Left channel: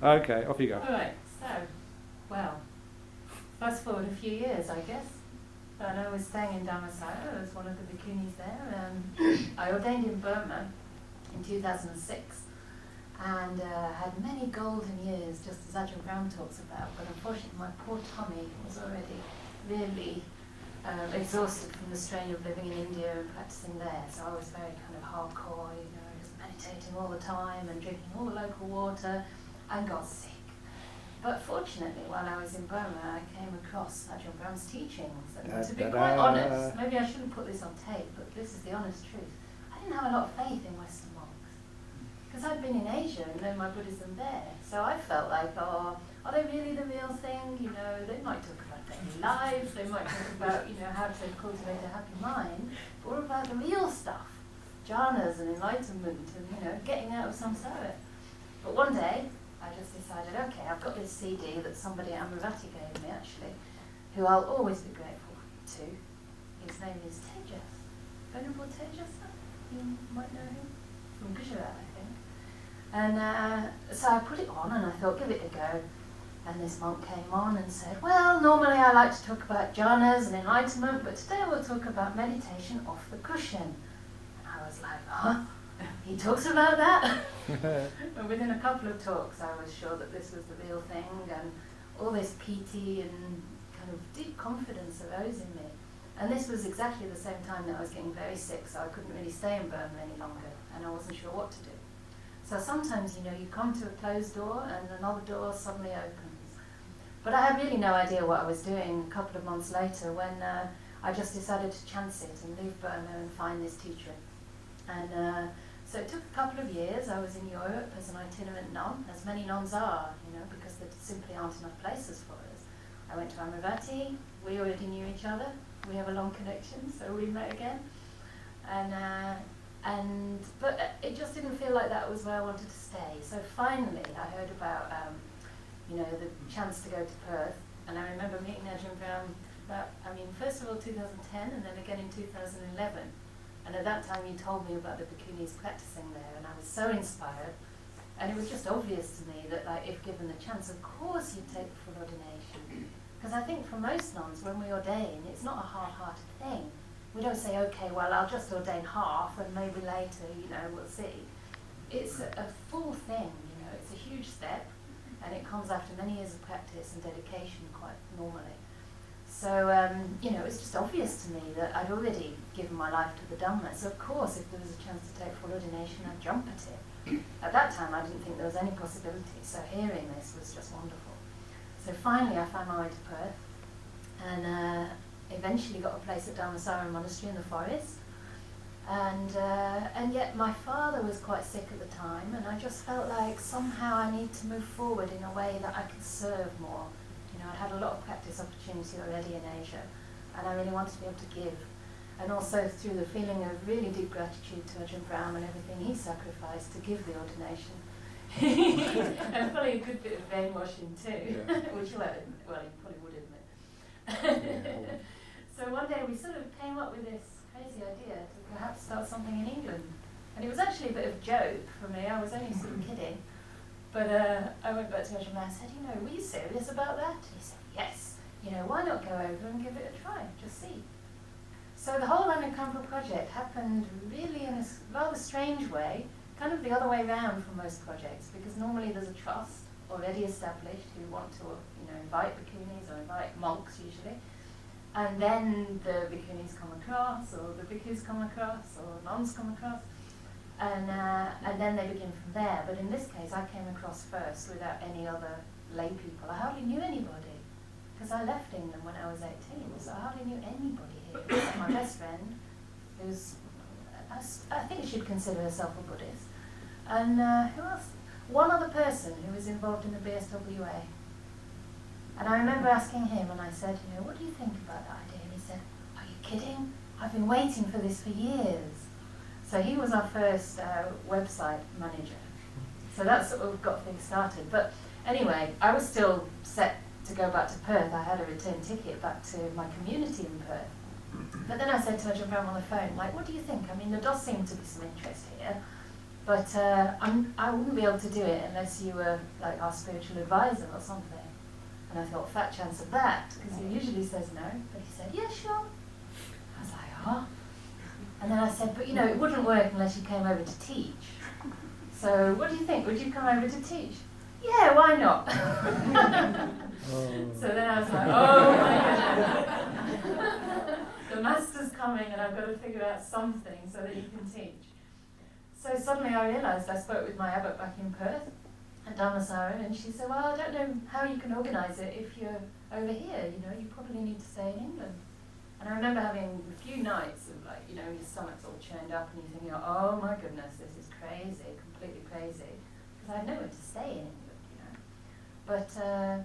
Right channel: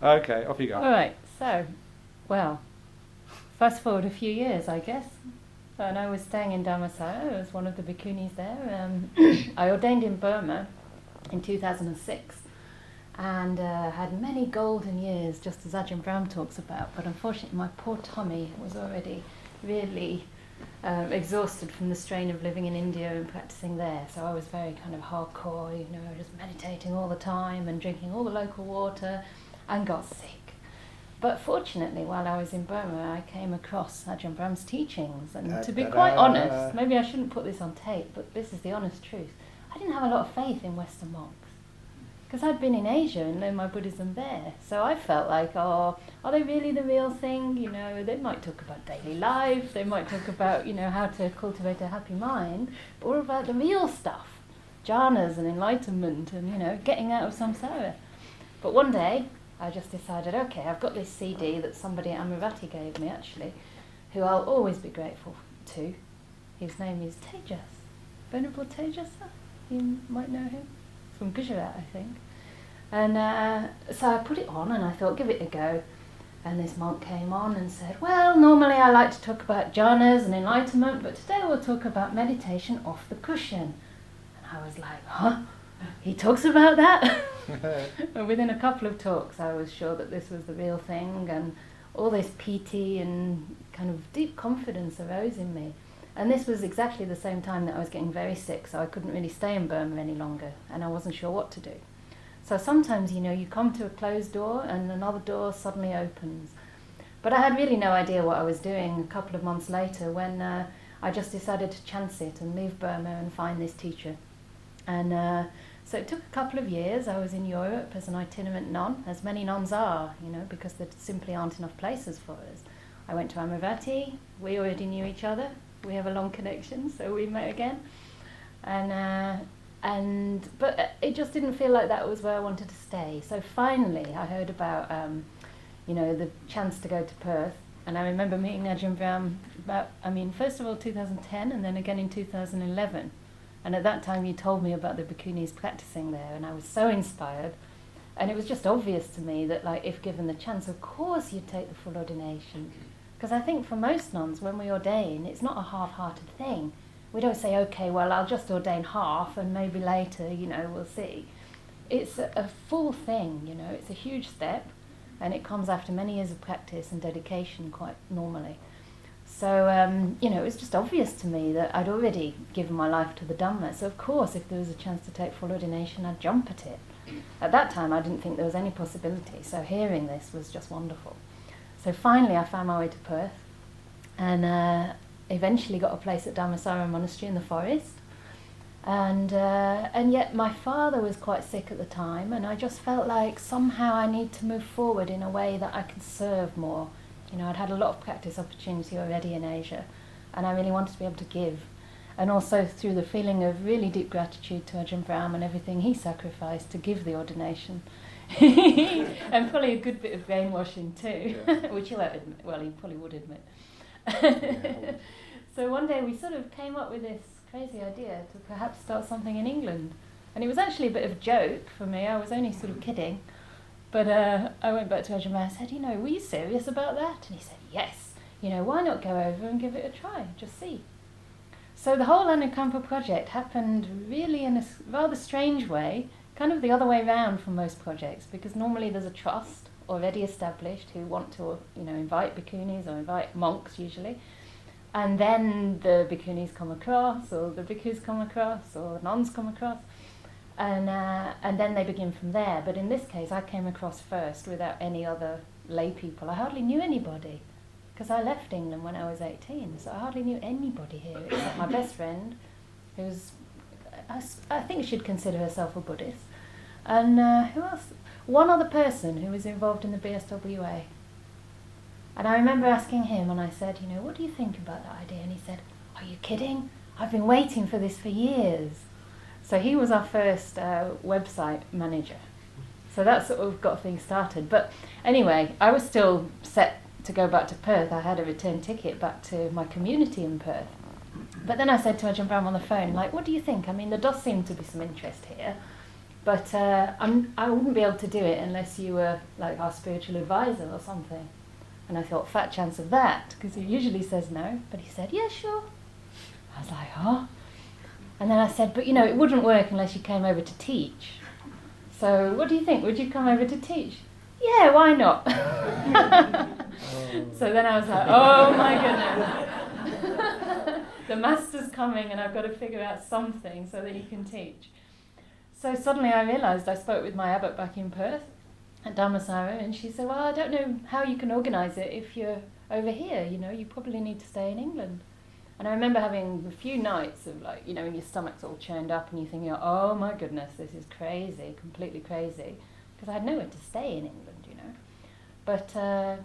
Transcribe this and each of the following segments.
Okay, off you go. All right, so, well, fast forward a few years, I guess, and I was staying in Dharmasaya as one of the bhikkhunis there. I ordained in Burma in 2006 and had many golden years, just as Ajahn Brahm talks about, but unfortunately my poor tummy was already really exhausted from the strain of living in India and practicing there, so I was very kind of hardcore, just meditating all the time and drinking all the local water, and got sick. But fortunately, while I was in Burma, I came across Ajahn Brahm's teachings, and to be quite honest, maybe I shouldn't put this on tape, but this is the honest truth, I didn't have a lot of faith in Western monks. Because I'd been in Asia and learned my Buddhism there, so I felt like, are they really the real thing? They might talk about daily life, they might talk about, how to cultivate a happy mind, but what about the real stuff? Jhanas and enlightenment and, getting out of samsara. But one day, I just decided, okay, I've got this CD that somebody at Amaravati gave me, actually, who I'll always be grateful to. His name is Tejas, Venerable Tejas, you might know him. From Gujarat, I think. And so I put it on and I thought, give it a go. And this monk came on and said, well, normally I like to talk about jhanas and enlightenment, but today we'll talk about meditation off the cushion. And I was like, huh? He talks about that? And within a couple of talks, I was sure that this was the real thing, and all this piti and kind of deep confidence arose in me. And this was exactly the same time that I was getting very sick, so I couldn't really stay in Burma any longer, and I wasn't sure what to do. So sometimes, you come to a closed door and another door suddenly opens. But I had really no idea what I was doing a couple of months later when I just decided to chance it and leave Burma and find this teacher. And so it took a couple of years. I was in Europe as an itinerant nun, as many nuns are, because there simply aren't enough places for us. I went to Amaravati, we already knew each other. We have a long connection, so we met again, but it just didn't feel like that was where I wanted to stay. So finally, I heard about the chance to go to Perth, and I remember meeting Ajahn Brahm first of all 2010, and then again in 2011. And at that time, you told me about the bhikkhunis practicing there, and I was so inspired. And it was just obvious to me that, if given the chance, of course you'd take the full ordination. Because I think for most nuns, when we ordain, it's not a half-hearted thing. We don't say, okay, well, I'll just ordain half and maybe later, we'll see. It's a full thing, it's a huge step, and it comes after many years of practice and dedication quite normally. So, it was just obvious to me that I'd already given my life to the Dhamma. So, of course, if there was a chance to take full ordination, I'd jump at it. At that time, I didn't think there was any possibility, so hearing this was just wonderful. So finally I found my way to Perth and eventually got a place at Dharmasara Monastery in the forest. And yet my father was quite sick at the time, and I just felt like somehow I need to move forward in a way that I could serve more. I'd had a lot of practice opportunity already in Asia, and I really wanted to be able to give. And also through the feeling of really deep gratitude to Ajahn Brahm and everything he sacrificed to give the ordination. And probably a good bit of brainwashing too, yeah. Which he won't admit. Well, he probably would admit. Yeah. So one day we sort of came up with this crazy idea to perhaps start something in England. And it was actually a bit of a joke for me. I was only sort of kidding. But I went back to Ajahn Brahm and said, were you serious about that? And he said, yes. Why not go over and give it a try, just see. So the whole Anukampa project happened really in a rather strange way, kind of the other way around from most projects, because normally there's a trust already established who want to invite bhikkhunis or invite monks usually, and then the bhikkhunis come across, or the bhikkhus come across, or nuns come across, and then they begin from there. But in this case I came across first without any other lay people. I hardly knew anybody, because I left England when I was 18, so I hardly knew anybody here except my best friend, who's I think she'd consider herself a Buddhist. And who else? One other person who was involved in the BSWA. And I remember asking him, and I said, what do you think about that idea? And he said, are you kidding? I've been waiting for this for years. So he was our first website manager. So that sort of got things started. But anyway, I was still set to go back to Perth. I had a return ticket back to my community in Perth. But then I said to Ajahn Brahm on the phone, what do you think? There does seem to be some interest here, But I wouldn't be able to do it unless you were like our spiritual advisor or something. And I thought, fat chance of that, because he usually says no. But he said, yeah, sure. I was like, oh. And then I said, but it wouldn't work unless you came over to teach. So what do you think? Would you come over to teach? Yeah, why not? So then I was like, oh my goodness. The master's coming and I've got to figure out something so that you can teach. So suddenly I realised, I spoke with my abbot back in Perth at Dhammasara, and she said, well, I don't know how you can organise it if you're over here, you probably need to stay in England. And I remember having a few nights of your stomach's all churned up and you're thinking, oh my goodness, this is crazy, completely crazy, because I had nowhere to stay in England, But for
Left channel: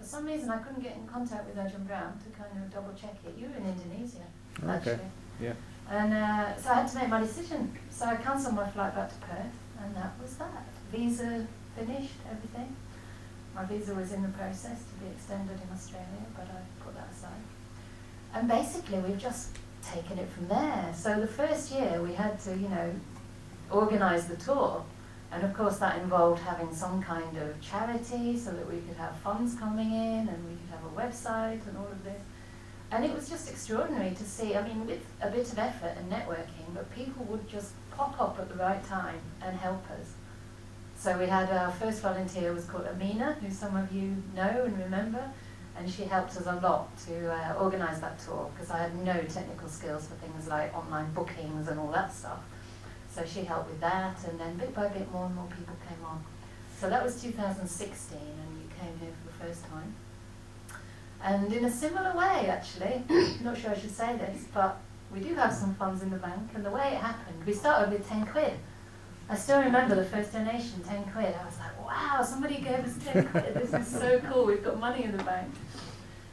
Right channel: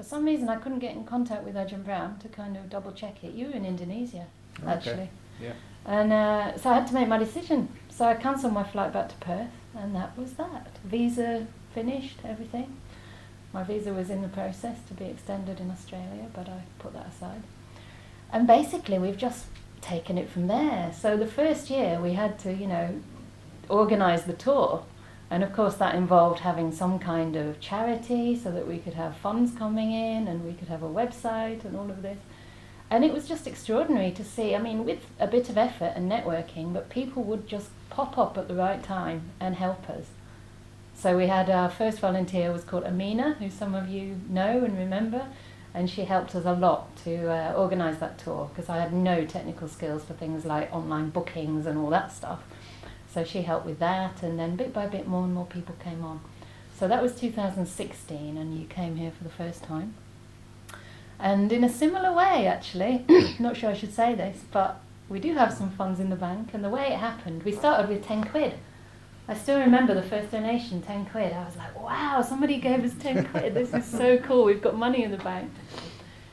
some reason I couldn't get in contact with Ajahn Brahm to kind of double check it. You were in Indonesia, actually. Okay. Yeah. And so I had to make my decision. So I cancelled my flight back to Perth, and that was that. Visa finished, everything. My visa was in the process to be extended in Australia, but I put that aside. And basically we've just taken it from there. So the first year we had to, organise the tour. And of course that involved having some kind of charity so that we could have funds coming in and we could have a website and all of this. And it was just extraordinary to see, with a bit of effort and networking, but people would just pop up at the right time and help us. So we had our first volunteer was called Amina, who some of you know and remember, and she helped us a lot to organise that tour, because I had no technical skills for things like online bookings and all that stuff. So she helped with that, and then bit by bit more and more people came on. So that was 2016, and you came here for the first time. And in a similar way, actually, not sure I should say this, but we do have some funds in the bank, and the way it happened, we started with 10 quid. I still remember the first donation, 10 quid. I was like, wow, somebody gave us 10 quid, this is so cool, we've got money in the bank.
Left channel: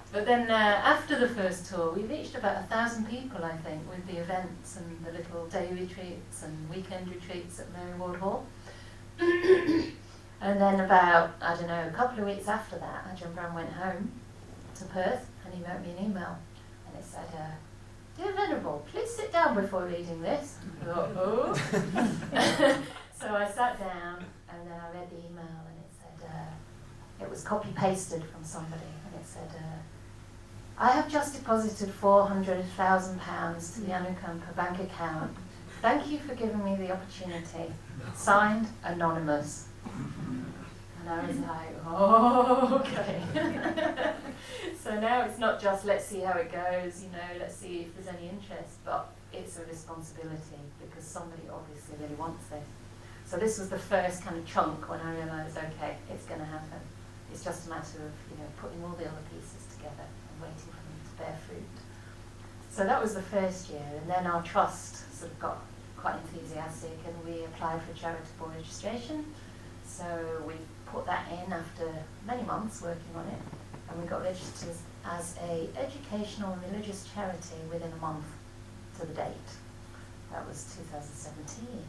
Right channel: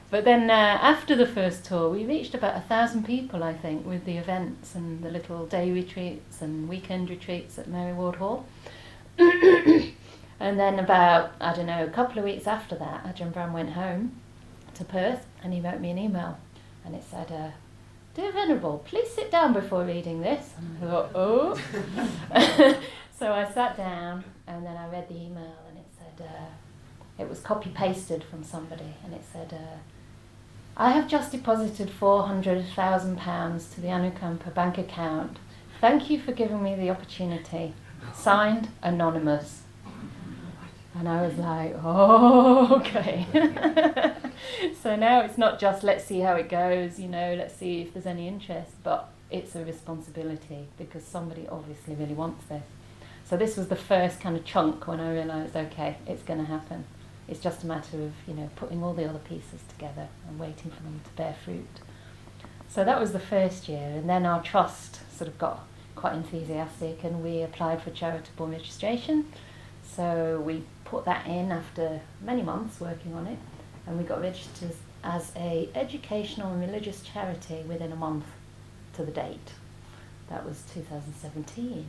But then after the first tour, we reached about 1,000 people, I think, with the events and the little day retreats and weekend retreats at Mary Ward Hall. And then about, a couple of weeks after that, Ajahn Brahm went home to Perth, and he wrote me an email, and it said, "Dear Venerable, please sit down before reading this." I thought, oh. So I sat down, and then I read the email, and it said, it was copy-pasted from somebody, and it said, "I have just deposited £400,000 to the Anukampa bank account. Thank you for giving me the opportunity. Signed, Anonymous." And I was like, oh, okay. So now it's not just let's see how it goes, let's see if there's any interest, but it's a responsibility because somebody obviously really wants this. So this was the first kind of chunk when I realised, okay, it's going to happen. It's just a matter of, putting all the other pieces together and waiting for them to bear fruit. So that was the first year, and then our trust sort of got quite enthusiastic and we applied for charitable registration. So we put that in after many months working on it, and we got registered as a educational and religious charity within a month to the date. That was 2017.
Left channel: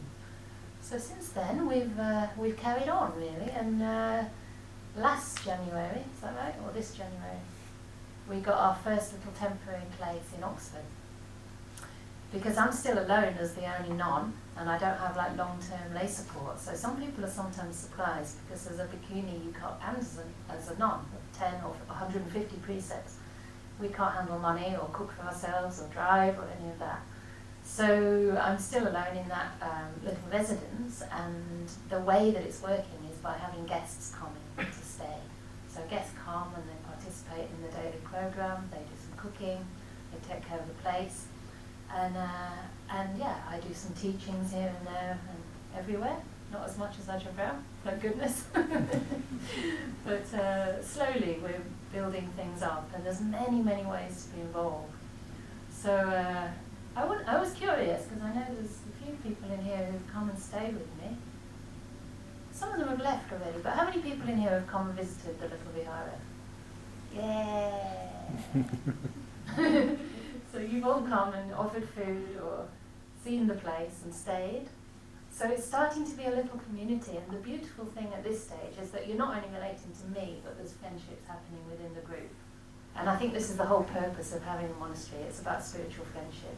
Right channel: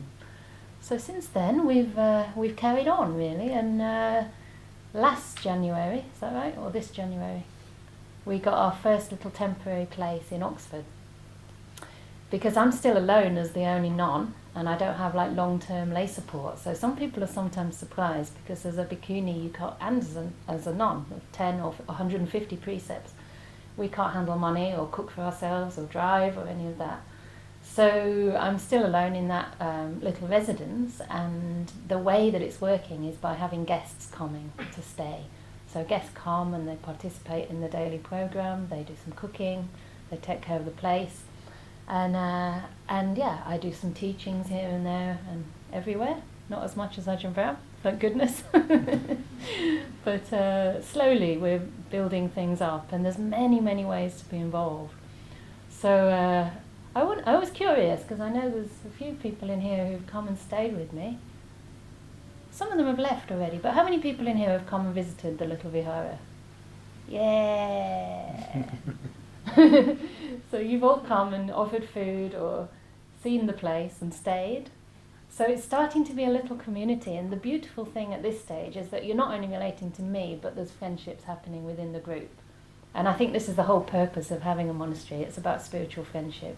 So since then we've carried on really, and last January, is that right, or this January, we got our first little temporary place in Oxford. Because I'm still alone as the only non, and I don't have long-term lay support. So some people are sometimes surprised because as a bhikkhuni you can't, and as a non of 10 or 150 precepts, we can't handle money or cook for ourselves or drive or any of that. So I'm still alone in that little residence, and the way that it's working is by having guests coming to stay. So guests come and they participate in the daily program, they do some cooking, they take care of the place. And yeah, I do some teachings here and there and everywhere. Not as much as Ajahn Brahm, thank goodness. But slowly we're building things up, and there's many, many ways to be involved. So I was curious, because I know there's a few people in here who've come and stayed with me. Some of them have left already, but how many people in here have come and visited the little vihara? Yeah! So you've all come and offered food or seen the place and stayed. So it's starting to be a little community, and the beautiful thing at this stage is that you're not only relating to me, but there's friendships happening within the group. And I think this is the whole purpose of having a monastery. It's about spiritual friendship.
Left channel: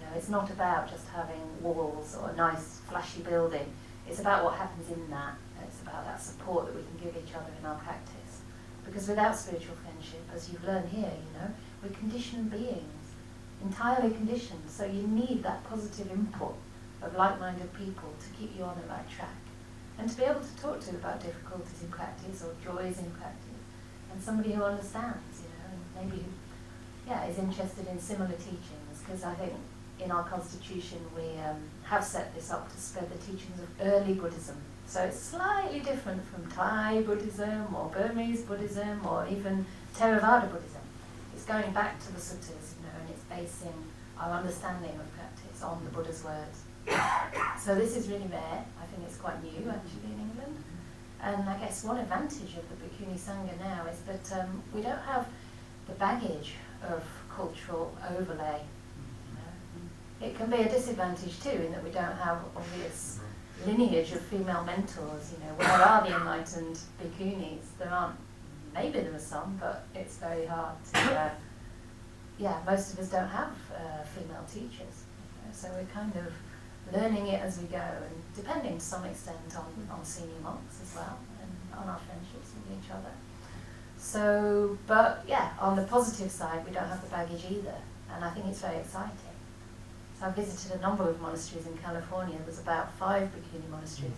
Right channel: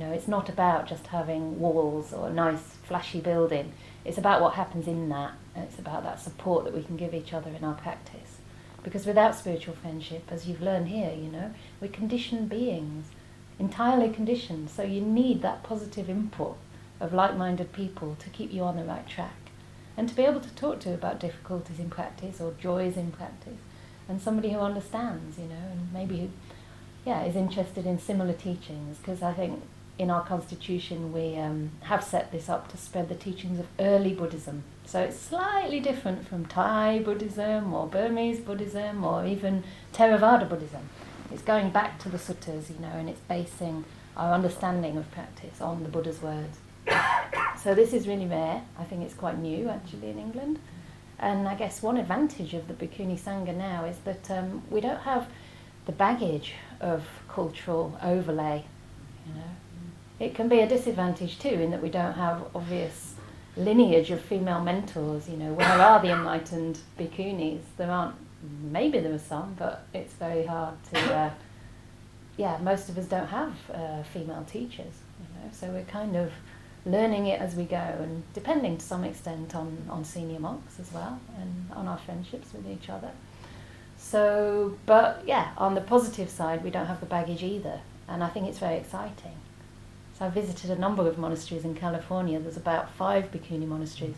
It's not about just having walls or a nice flashy building. It's about what happens in that, and it's about that support that we can give each other in our practice. Because without spiritual friendship, as you've learned here, we're conditioned beings, entirely conditioned. So you need that positive input of like-minded people to keep you on the right track, and to be able to talk to about difficulties in practice or joys in practice, and somebody who understands, and maybe, is interested in similar teachings. Because I think in our constitution we have set this up to spread the teachings of early Buddhism. So it's slightly different from Thai Buddhism or Burmese Buddhism or even Theravada Buddhism. It's going back to the suttas, and it's basing our understanding of practice on the Buddha's words. So this is really rare. I think it's quite new actually in England. And I guess one advantage of the Bhikkhuni Sangha now is that we don't have the baggage of cultural overlay. It can be a disadvantage too, in that we don't have obvious lineage of female mentors. Where are the enlightened bhikkhunis? There aren't. Maybe there are some, but it's very hard to. Most of us don't have female teachers. So we're kind of learning it as we go, and depending to some extent on senior monks as well, and on our friendships with each other. So, but on the positive side, we don't have the baggage either, and I think it's very exciting. So I visited a number of monasteries in California. There's about 5 bhikkhuni monasteries,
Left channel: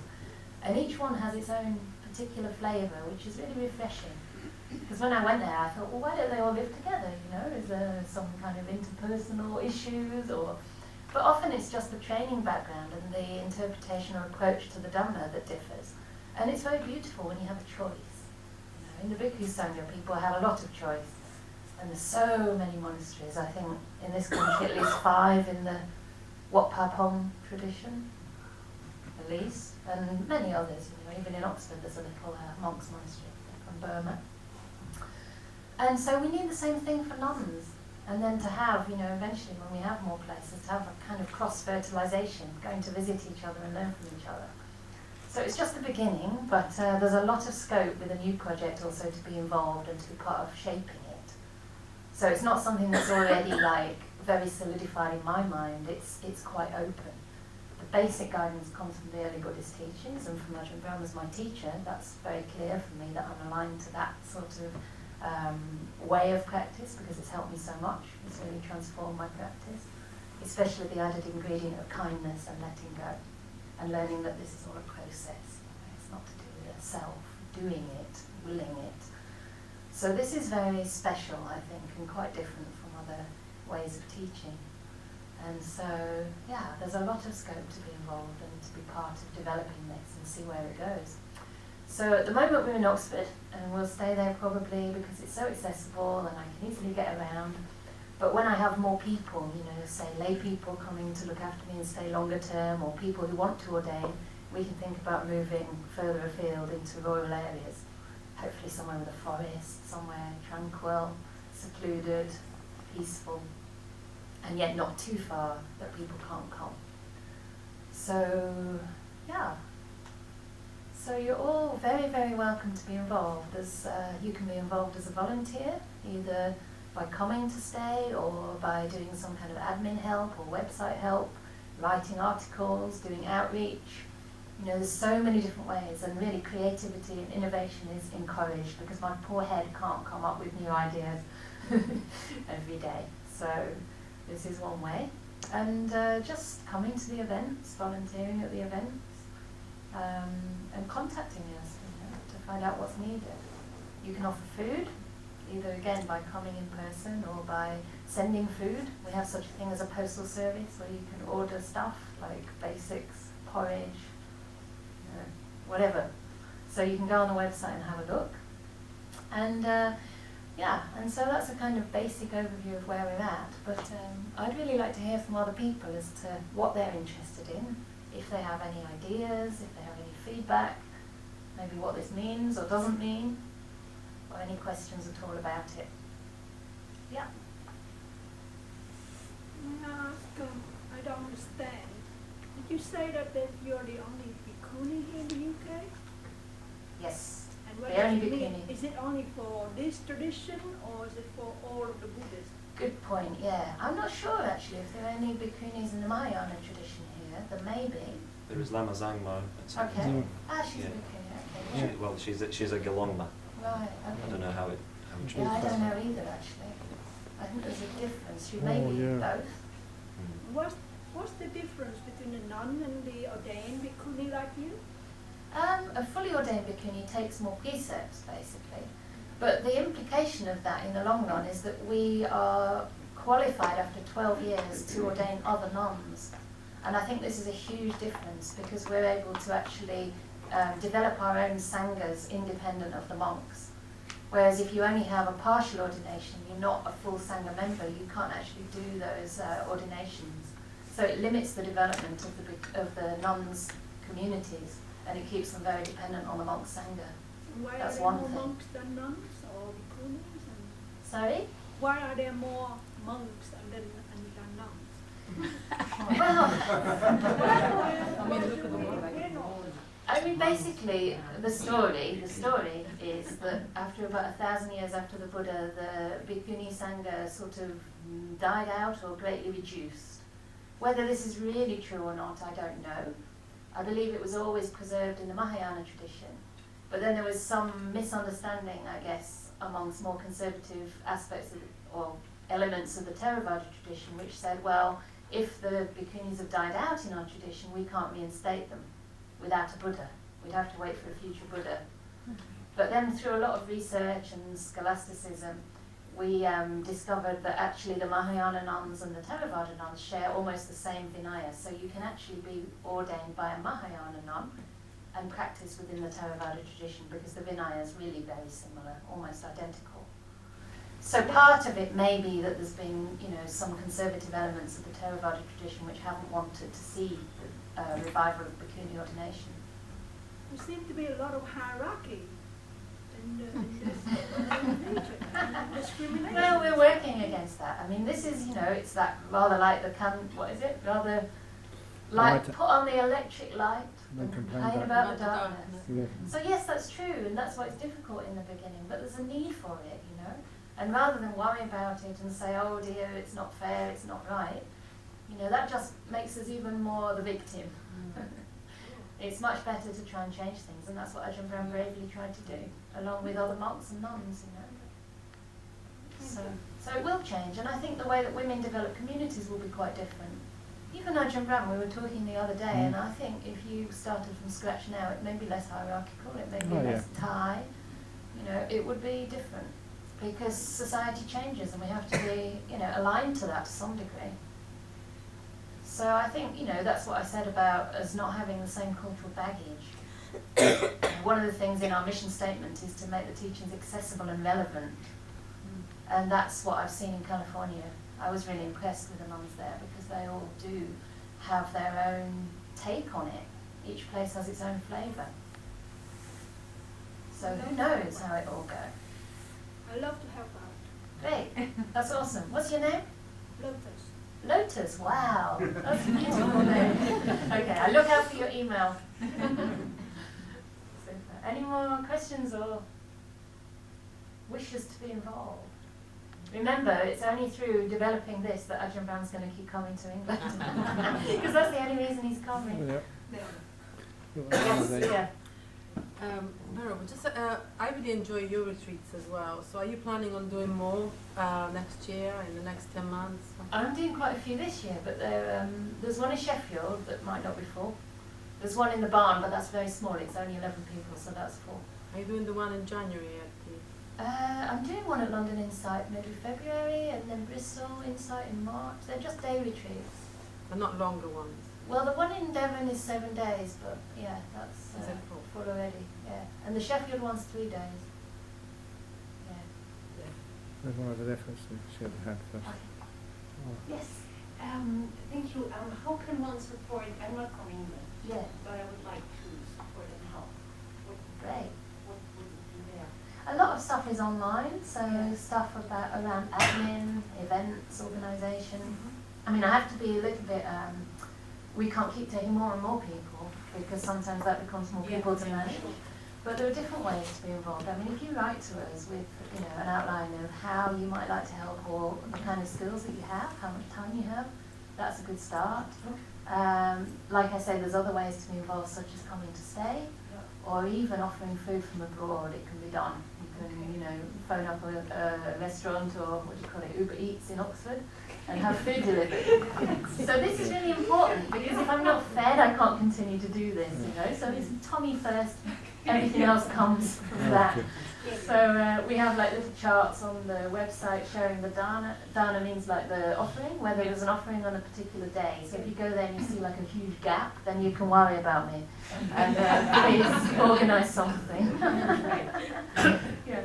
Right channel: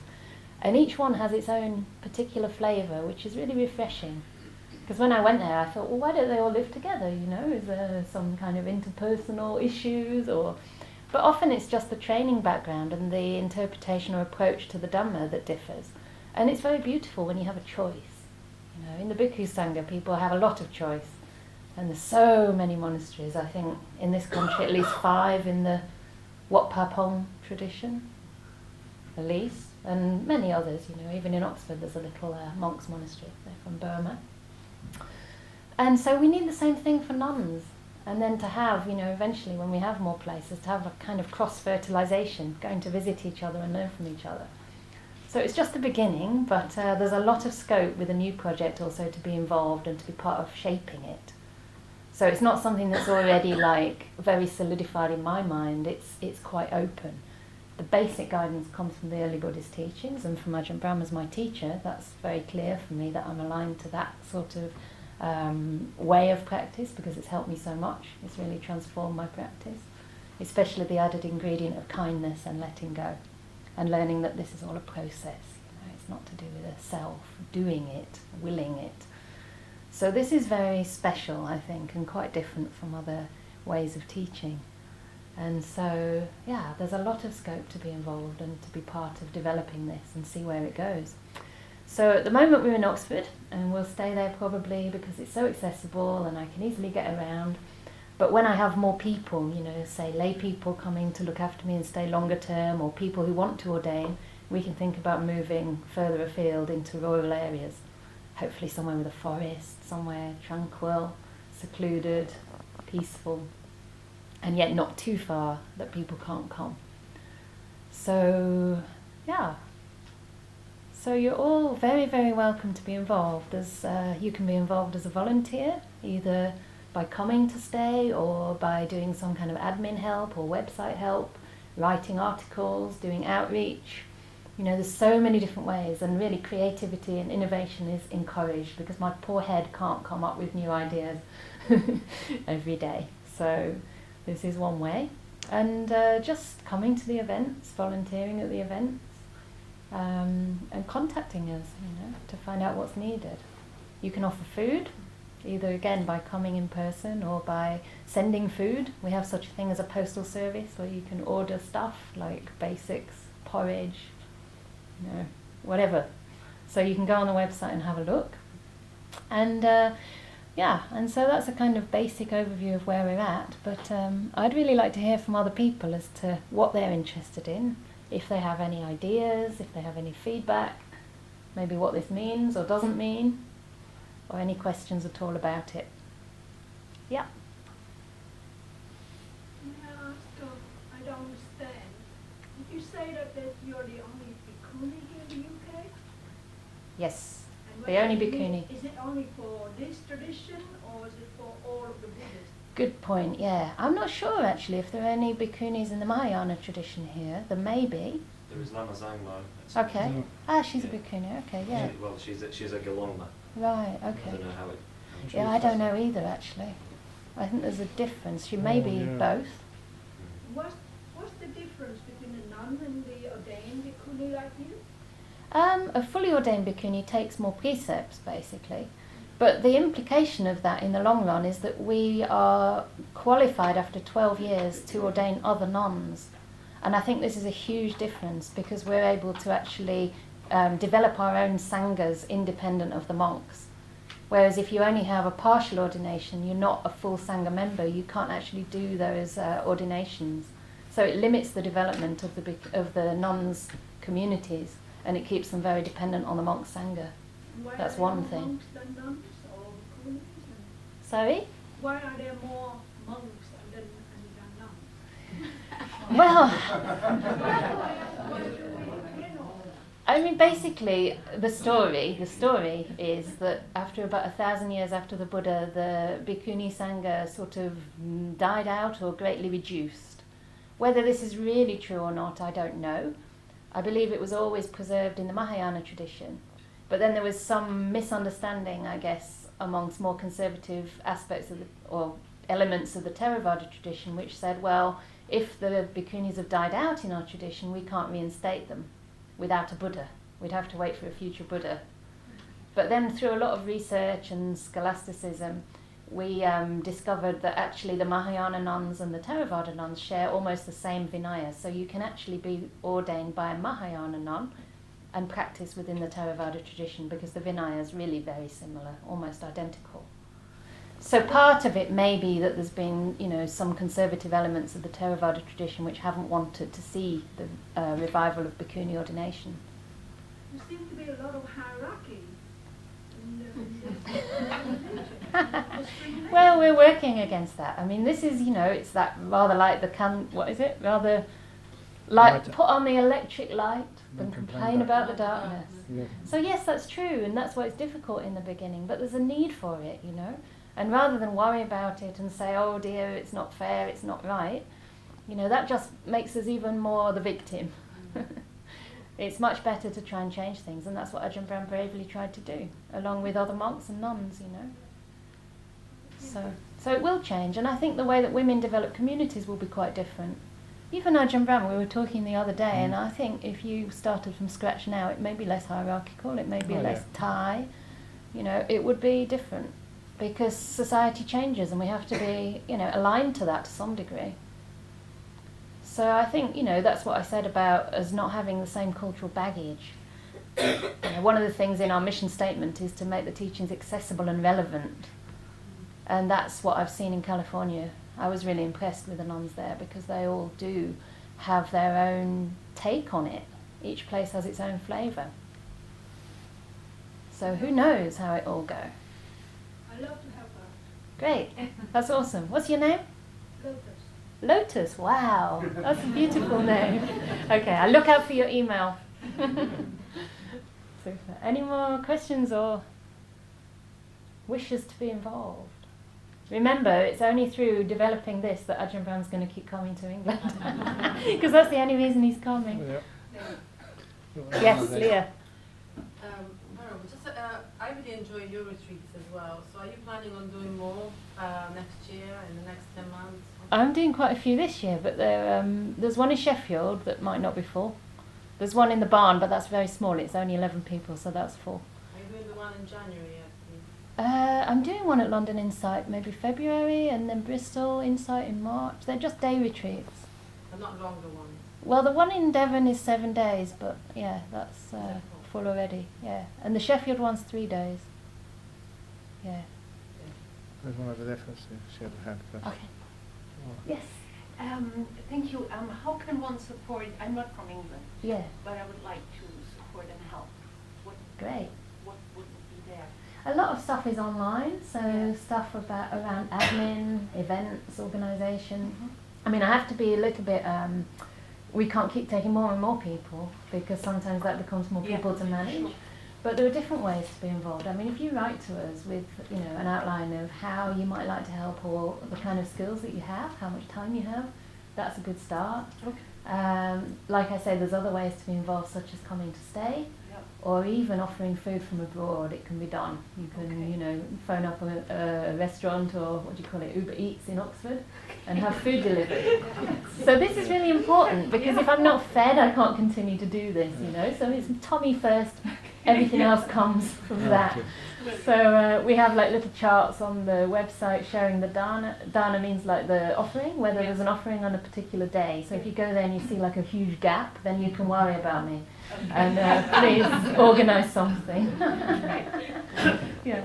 and each one has its own particular flavour, which is really refreshing. Because when I went there, I thought, well, why don't they all live together? Is there some kind of interpersonal issues? But often it's just the training background and the interpretation or approach to the Dhamma that differs. And it's very beautiful when you have a choice. In the Bhikkhu Sangha, people have a lot of choice. And there's so many monasteries. I think in this country at least 5 in the Wat Pa Pong tradition, at least, and many others. Even in Oxford there's a little monks monastery. They're from Burma. And so we need the same thing for nuns. And then to have, eventually when we have more places, to have a kind of cross-fertilization, going to visit each other and learn from each other. So it's just the beginning, but there's a lot of scope with a new project also to be involved and to be part of shaping it. So it's not something that's already very solidified in my mind. It's quite open. The basic guidance comes from the early Buddhist teachings, and from Ajahn Brahm as my teacher. That's very clear for me that I'm aligned to that sort of way of practice, because it's helped me so much. It's really transformed my practice, especially the added ingredient of kindness and letting go, and learning that this is all a process. It's not to do with a self doing it, willing it. So this is very special, I think, and quite different from other ways of teaching. And so, there's a lot of scope to be involved and to be part of developing this and see where it goes. So at the moment we're in Oxford, and we'll stay there probably because it's so accessible and I can easily get around. But when I have more people, say lay people coming to look after me and stay longer term, or people who want to ordain, we can think about moving further afield into rural areas. Hopefully somewhere with a forest, somewhere tranquil, secluded, peaceful, and yet not too far that people can't come. So, So you're all very, very welcome to be involved. You can be involved as a volunteer, either by coming to stay or by doing some kind of admin help or website help, writing articles, doing outreach. There's so many different ways, and really creativity and innovation is encouraged, because my poor head can't come up with new ideas every day. So this is one way. And just coming to the events, volunteering at the events, and contacting us, to find out what's needed. You can offer food, either again by coming in person or by sending food. We have such a thing as a postal service where you can order stuff like basics, porridge, whatever. So you can go on the website and have a look. And and so that's a kind of basic overview of where we're at. But I'd really like to hear from other people as to what they're interested in, if they have any ideas, if they have any feedback, maybe what this means or doesn't mean, or any questions at all about it. Yeah. May I ask, I don't understand. Did you say that you're the only bhikkhuni here in the UK? Yes, And the only bhikkhuni. Is it only for this tradition, or is it for all of the Buddhists? Good point, yeah. I'm not sure actually if there are any bhikkhunis in the Mahayana tradition here. There may be. There is Lama Zangmo. Okay. Ah, she's a Yeah. bikini. Okay, yeah. Well, she's a Galongma. Right. I Okay. don't know how it Yeah, I don't know either actually. I think there's a difference. She may be both. What's the difference between a nun and the ordained bhikkhuni like you? A fully ordained bhikkhuni takes more precepts, basically. But the implication of that in the long run is that we are qualified after 12 years to ordain other nuns. And I think this is a huge difference because we're able to actually develop our own sanghas independent of the monks. Whereas if you only have a partial ordination, you're not a full sangha member, you can't actually do those ordinations. So it limits the development of the nuns' communities, and it keeps them very dependent on the monk sangha. Why That's are there one more thing. monks than nuns or bhikkhunis? Sorry? Why are there more monks than nuns? Well, I mean, basically, the story is that after about 1,000 years after the Buddha, the Bhikkhuni Sangha sort of died out or greatly reduced. Whether this is really true or not, I don't know. I believe it was always preserved in the Mahayana tradition. But then there was some misunderstanding, I guess, amongst more conservative aspects or elements of the Theravada tradition, which said, well, if the bhikkhunis have died out in our tradition, we can't reinstate them without a Buddha. We'd have to wait for a future Buddha. But then through a lot of research and scholasticism, we discovered that actually the Mahayana nuns and the Theravada nuns share almost the same Vinaya. So you can actually be ordained by a Mahayana nun and practice within the Theravada tradition because the Vinaya is really very similar, almost identical. So part of it may be that there's been, some conservative elements of the Theravada tradition which haven't wanted to see the revival of bhikkhuni ordination. There seems to be a lot of hierarchy in this discrimination. Well, we're working against that. I mean, this is, it's that rather like the rather like put on the electric light and complain about the darkness. Yeah. So yes, that's true, and that's why it's difficult in the beginning, but there's a need for it, And rather than worry about it and say, oh dear, it's not fair, it's not right, that just makes us even more the victim. It's much better to try and change things, and that's what Ajahn Brahm bravely tried to do, along with other monks and nuns, So it will change, and I think the way that women develop communities will be quite different. Even Ajahn Brahm, we were talking the other day, and I think if you started from scratch now, it may be less hierarchical, it may be less Thai, it would be different. Because society changes and we have to be, aligned to that to some degree. So I think, that's what I said about us not having the same cultural baggage. One of the things in our mission statement is to make the teachings accessible and relevant. And that's what I've seen in California. I was really impressed with the nuns there because they all do have their own take on it. Each place has its own flavour. So who knows how it all goes. I love to help out. Great, that's awesome. What's your name? Lotus. Lotus, wow, that's a beautiful name. Okay, I'll look out for your email. Super. Any more questions or wishes to be involved? Remember, it's only through developing this that Ajahn Brahm's going to keep coming to England. Because that's the only reason he's coming. Yes, Leah. I really enjoy your retreats as well. So are you planning on doing more next year, in the next 10 months? I'm doing quite a few this year, but there's one in Sheffield that might not be full. There's one in the barn, but that's very small. It's only 11 people, so that's full. Are you doing the one in January, I think? I'm doing one at London Insight, maybe February, and then Bristol Insight in March. They're just day retreats. And not longer ones? Well, the one in Devon is 7 days, but yeah, that's full already. Yeah, and the Sheffield one's 3 days. Yeah. There's one over there first. She had a hand first. Okay. Oh. Yes. Thank you. How can one support? I'm not from England, Yeah. but I would like to support and help. Great. What would be there? A lot of stuff is online, so stuff around admin, events, organisation. I mean, I have to be a little bit. We can't keep taking more and more people because sometimes that becomes more people to manage. But there are different ways to be involved. I mean, if you write to us with an outline of how you might like to help or the kind of skills that you have, how much time you have, that's a good start. Like I say, there's other ways to be involved, such as coming to stay, or even offering food from abroad. It can be done. You can, you know, phone up a restaurant, or what do you call it, Uber Eats in Oxford, and have food delivered. So this is really important, because if I'm not fed, I can't continue to do this, you know. So it's Tommy first, everything else comes from that. So we have like little charts on the website showing the dana. Dana means like the offering, whether there's an offering on a particular day. So if you go there and you see like a huge gap, then you can worry about me. And please organise something. Yeah.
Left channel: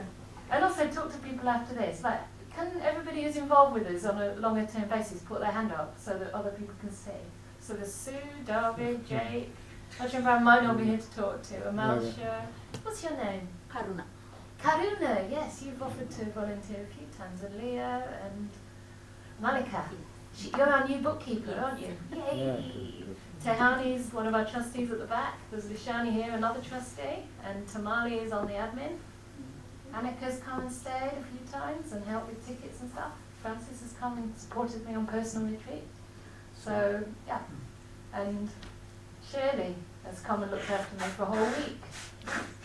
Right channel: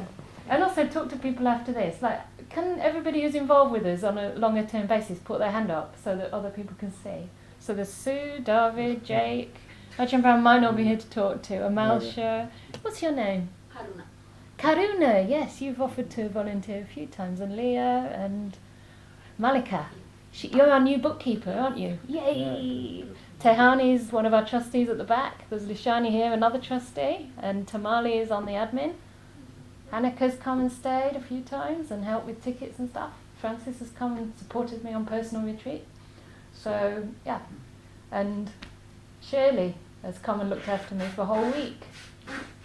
And also talk to people after this. Like, can everybody who's involved with us on a longer term basis put their hand up so that other people can see? So there's Sue, David, Jake. Actually, I found mine over here to talk to. Amalsha. What's your name? Karuna. Karuna, yes, you've offered to volunteer a few times, and Leah and Malika. You're our new bookkeeper, aren't you? Yay! Tehani's one of our trustees at the back. There's Lishani here, another trustee, and Tamali is on the admin. Annika's come and stayed a few times and helped with tickets and stuff. Francis has come and supported me on personal retreat. So, yeah. And Shirley has come and looked after me for a whole week,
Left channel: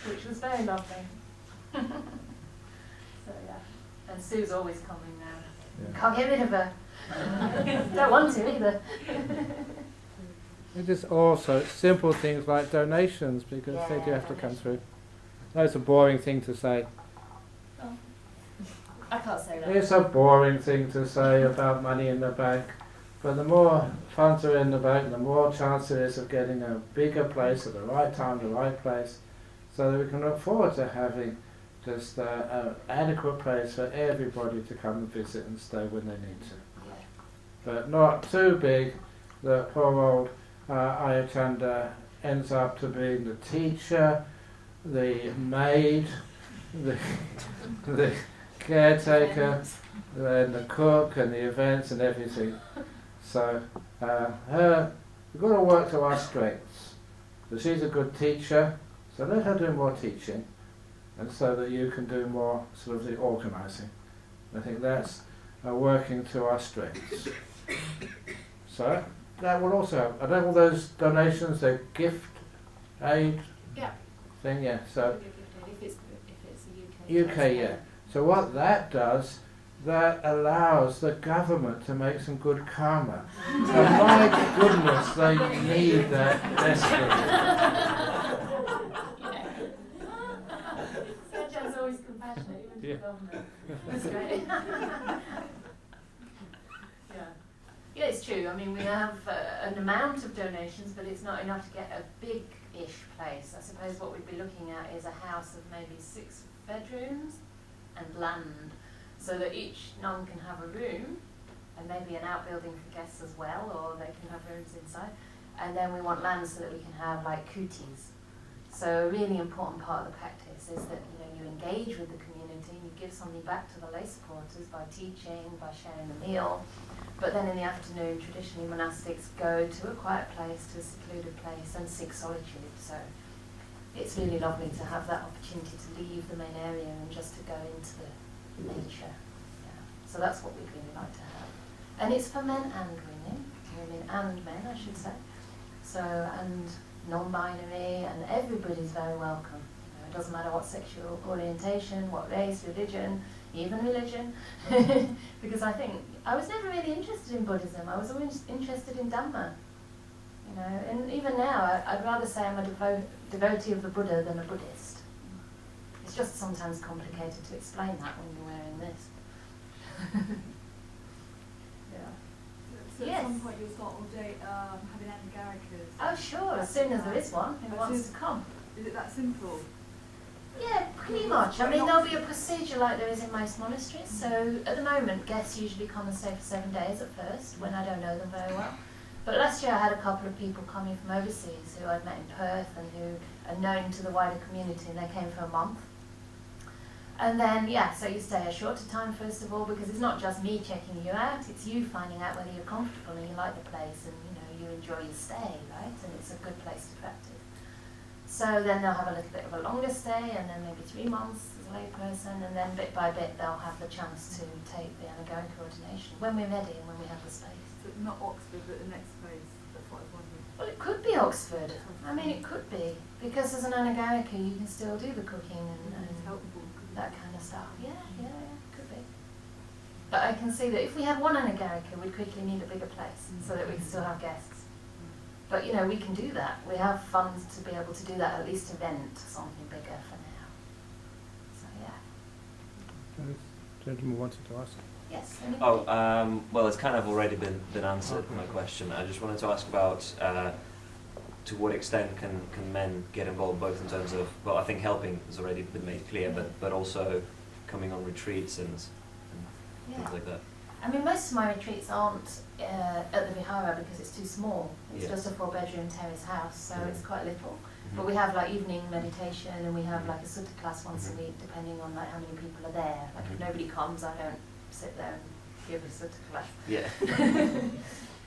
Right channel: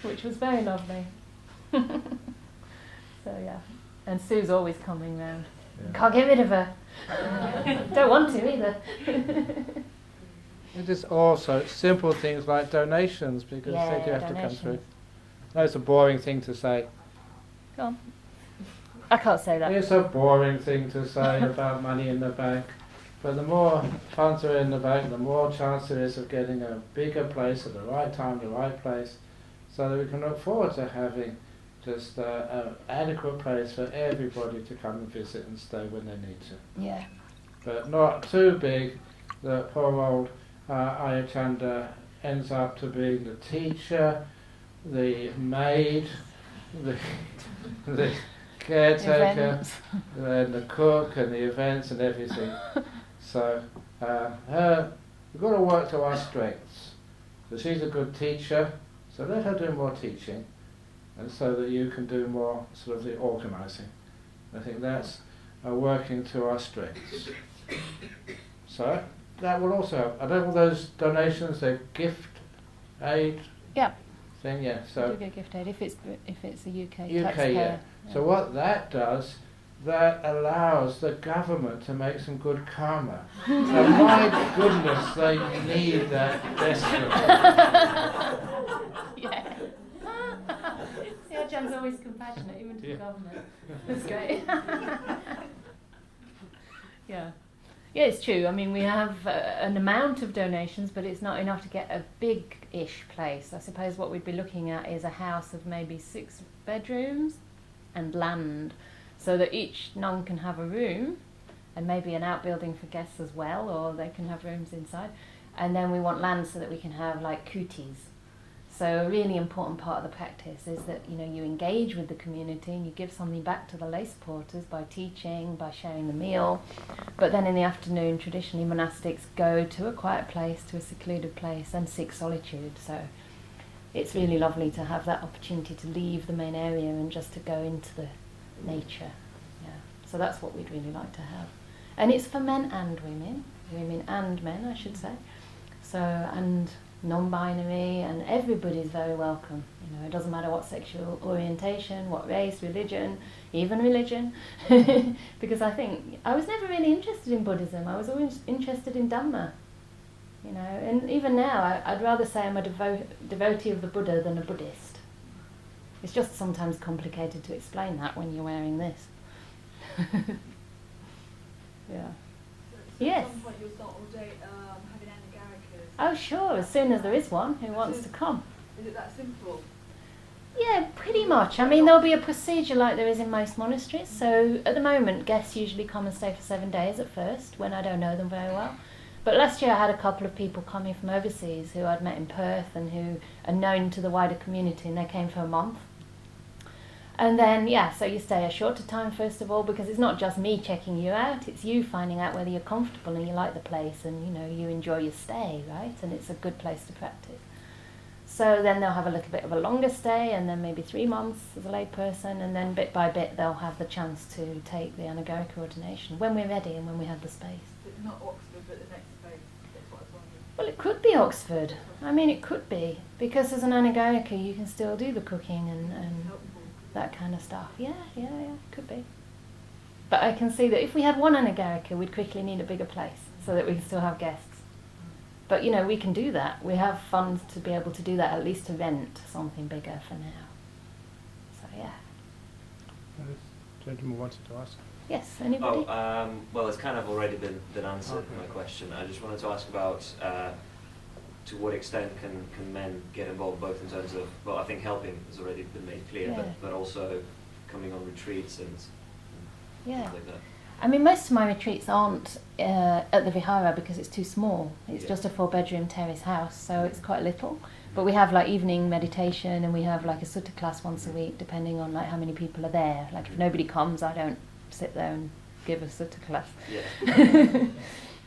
which was very lovely. So yeah, and Sue's always coming round. Yeah. Can't get rid of her. Don't want to either. It is also simple things like donations, because they do have to come through. That's a boring thing to say. Go on. I can't say that. It's a boring thing to say about money in the bank, but the more funds are in the bank, the more chance there is of getting a bigger place at the right time, the right place, so that we can look forward to having just an adequate place for everybody to come and visit and stay when they need to. Yeah. But not too big that poor old Ayachanda ends up to being the teacher, the maid, the caretaker, Events. and the cook and the events and everything. So we've got to work to our strengths. So she's a good teacher, so let her do more teaching, and so that you can do more sort of the organising. I think that's working to our strengths. So that will also help. I don't know those donations, they're gift aid Yeah. thing, yeah. So Give you a gift aid if it's a UK. UK, yeah. taxpayer. So what that does, that allows the government to make some good karma. And my goodness, they need that desperately. Yeah. John's always compassionate, even to the government. That's great. Yeah. Yeah, it's true. I mean, we have an amount of donations, but it's not enough to get a big-ish place. I suppose what we'd be looking at is a house of maybe 6 bedrooms and land, so that each nun can have a room and maybe an outbuilding for guests as well, or they can have rooms inside. And then we want land so that we can have like kutis. So a really important part of the practice is that, you know, you engage with the community and you give something back to the lay supporters by teaching, by sharing the meal. But then in the afternoon, traditionally monastics go to a quiet place, to a secluded place, and seek solitude. So it's really lovely to have that opportunity to leave the main area and just to go into the nature. Yeah. So that's what we'd really like to have. And it's for men and women and men, I should say. So, and non-binary, and everybody's very welcome. You know, it doesn't matter what sexual orientation, what race, religion, even religion. Because I think I was never really interested in Buddhism. I was always interested in Dhamma. You know, and even now, I'd rather say I'm a devotee of the Buddha than a Buddhist. It's just sometimes complicated to explain that when you're wearing this. Yeah. So Yes. at some point you'll start all day having anagarikas. Oh, sure, as soon as there is one who wants to come. Is it that simple? Yeah, pretty much. I mean, there'll be a procedure like there is in most monasteries. So at the moment, guests usually come and stay for 7 days at first, when I don't know them very well. But last year I had a couple of people coming from overseas who I'd met in Perth and who are known to the wider community, and they came for a month. And then, yeah, so you stay a shorter time first of all, because it's not just me checking you out, it's you finding out whether you're comfortable and you like the place and, you know, you enjoy your stay, right? And it's a good place to practice. So then they'll have a little bit of a longer stay, and then maybe 3 months as a lay person, and then bit by bit they'll have the chance to take the anagarika ordination when we're ready and when we have the space. So not Oxford, but the next place. That's what I Well, it could be Oxford. I mean, it could be, because as an Anagayaka you can still do the cooking and that kind of stuff. Yeah, could be. But I can see that if we had one Anagayaka, we'd quickly need a bigger place so that we can still have guests. But you know, we can do that. We have funds to be able to do that, at least to rent something bigger for now. So yeah. This gentleman wanted to ask. Yes, anybody? Well, it's kind of already been answered, my question. I just wanted to ask about to what extent can men get involved, both in terms of, well, I think helping has already been made clear, Yeah. but also coming on retreats and Yeah. things like that. I mean, most of my retreats aren't at the Vihara because it's too small. It's Yeah. just a 4-bedroom terrace house, so it's quite little. Mm-hmm. But we have like evening meditation, and we have like a sutta class once a week, depending on like how many people are there. Like if nobody comes, I don't sit there and give a sutta class. Yeah.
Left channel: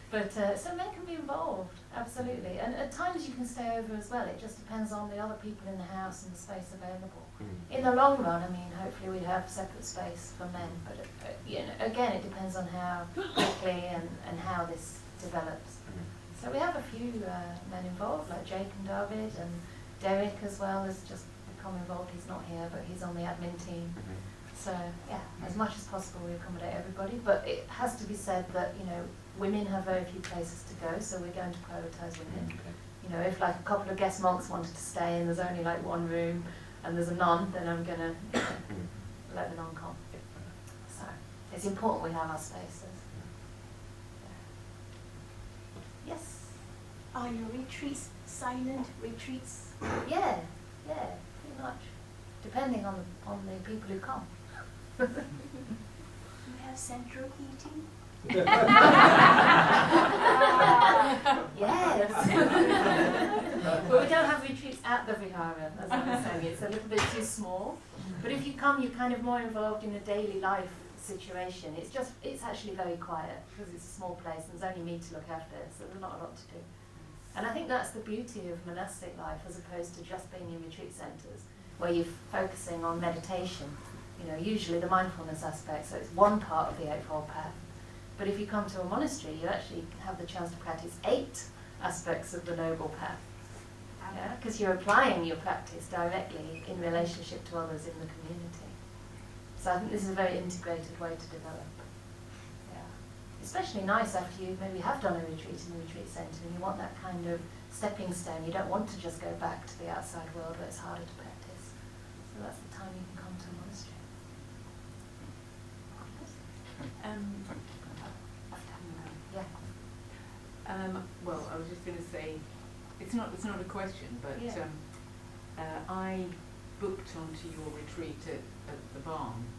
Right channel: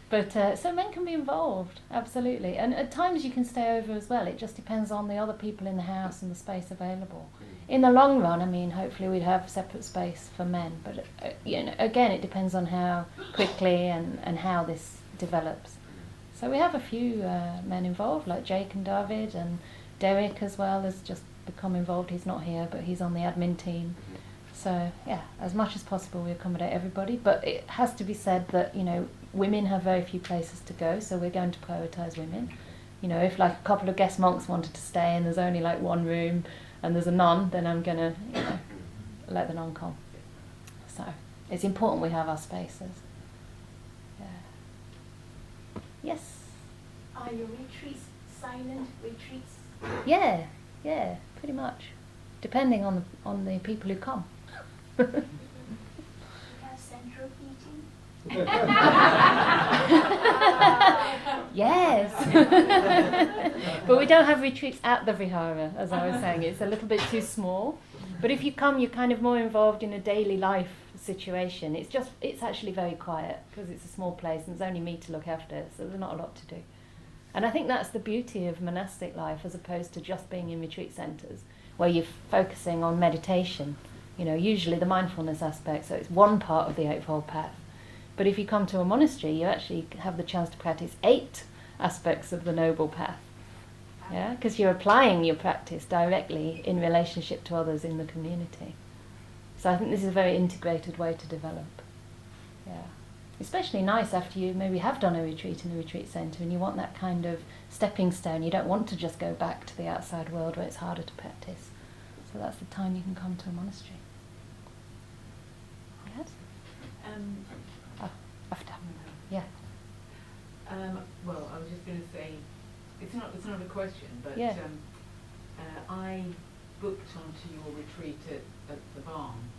But so men can be involved, absolutely. And at times you can stay over as well. It just depends on the other people in the house and the space available. In the long run, I mean, hopefully we'd have separate space for men. But you know, again, it depends on how quickly and how this develops. So we have a few men involved, like Jake and David, and Derek as well has just become involved. He's not here, but he's on the admin team. So yeah, as much as possible we accommodate everybody, but it has to be said that, you know, women have very few places to go, so we're going to prioritise women. You know, if like a couple of guest monks wanted to stay and there's only like one room and there's a nun, then I'm going to let the nun come. So it's important we have our spaces. Yeah. Yes? Are your retreats silent retreats? Yeah, pretty much. Depending on the people who come. You have central heating? Yes. But we don't have retreats at the Vihara, as I was saying. It's a little bit too small. But if you come, you're kind of more involved in a daily life situation. It's actually very quiet because it's a small place and there's only me to look after it, so there's not a lot to do. And I think that's the beauty of monastic life as opposed to just being in retreat centres, where you're focusing on meditation. You know, usually the mindfulness aspect, so it's one part of the Eightfold Path. But if you come to a monastery, you actually have the chance to practice 8 aspects of the Noble Path. Yeah, because you're applying your practice directly in relationship to others in the community. So I think this is a very integrated way to develop. Yeah, especially nice after you maybe have done a retreat in a retreat centre and you want that kind of stepping stone. You don't want to just go back to the outside world where it's harder to practice. So that's the time you can come to a monastery. Yes? After. Yeah. Well, I was just going to say, it's not a question, but Yeah. I booked onto your retreat at the barn,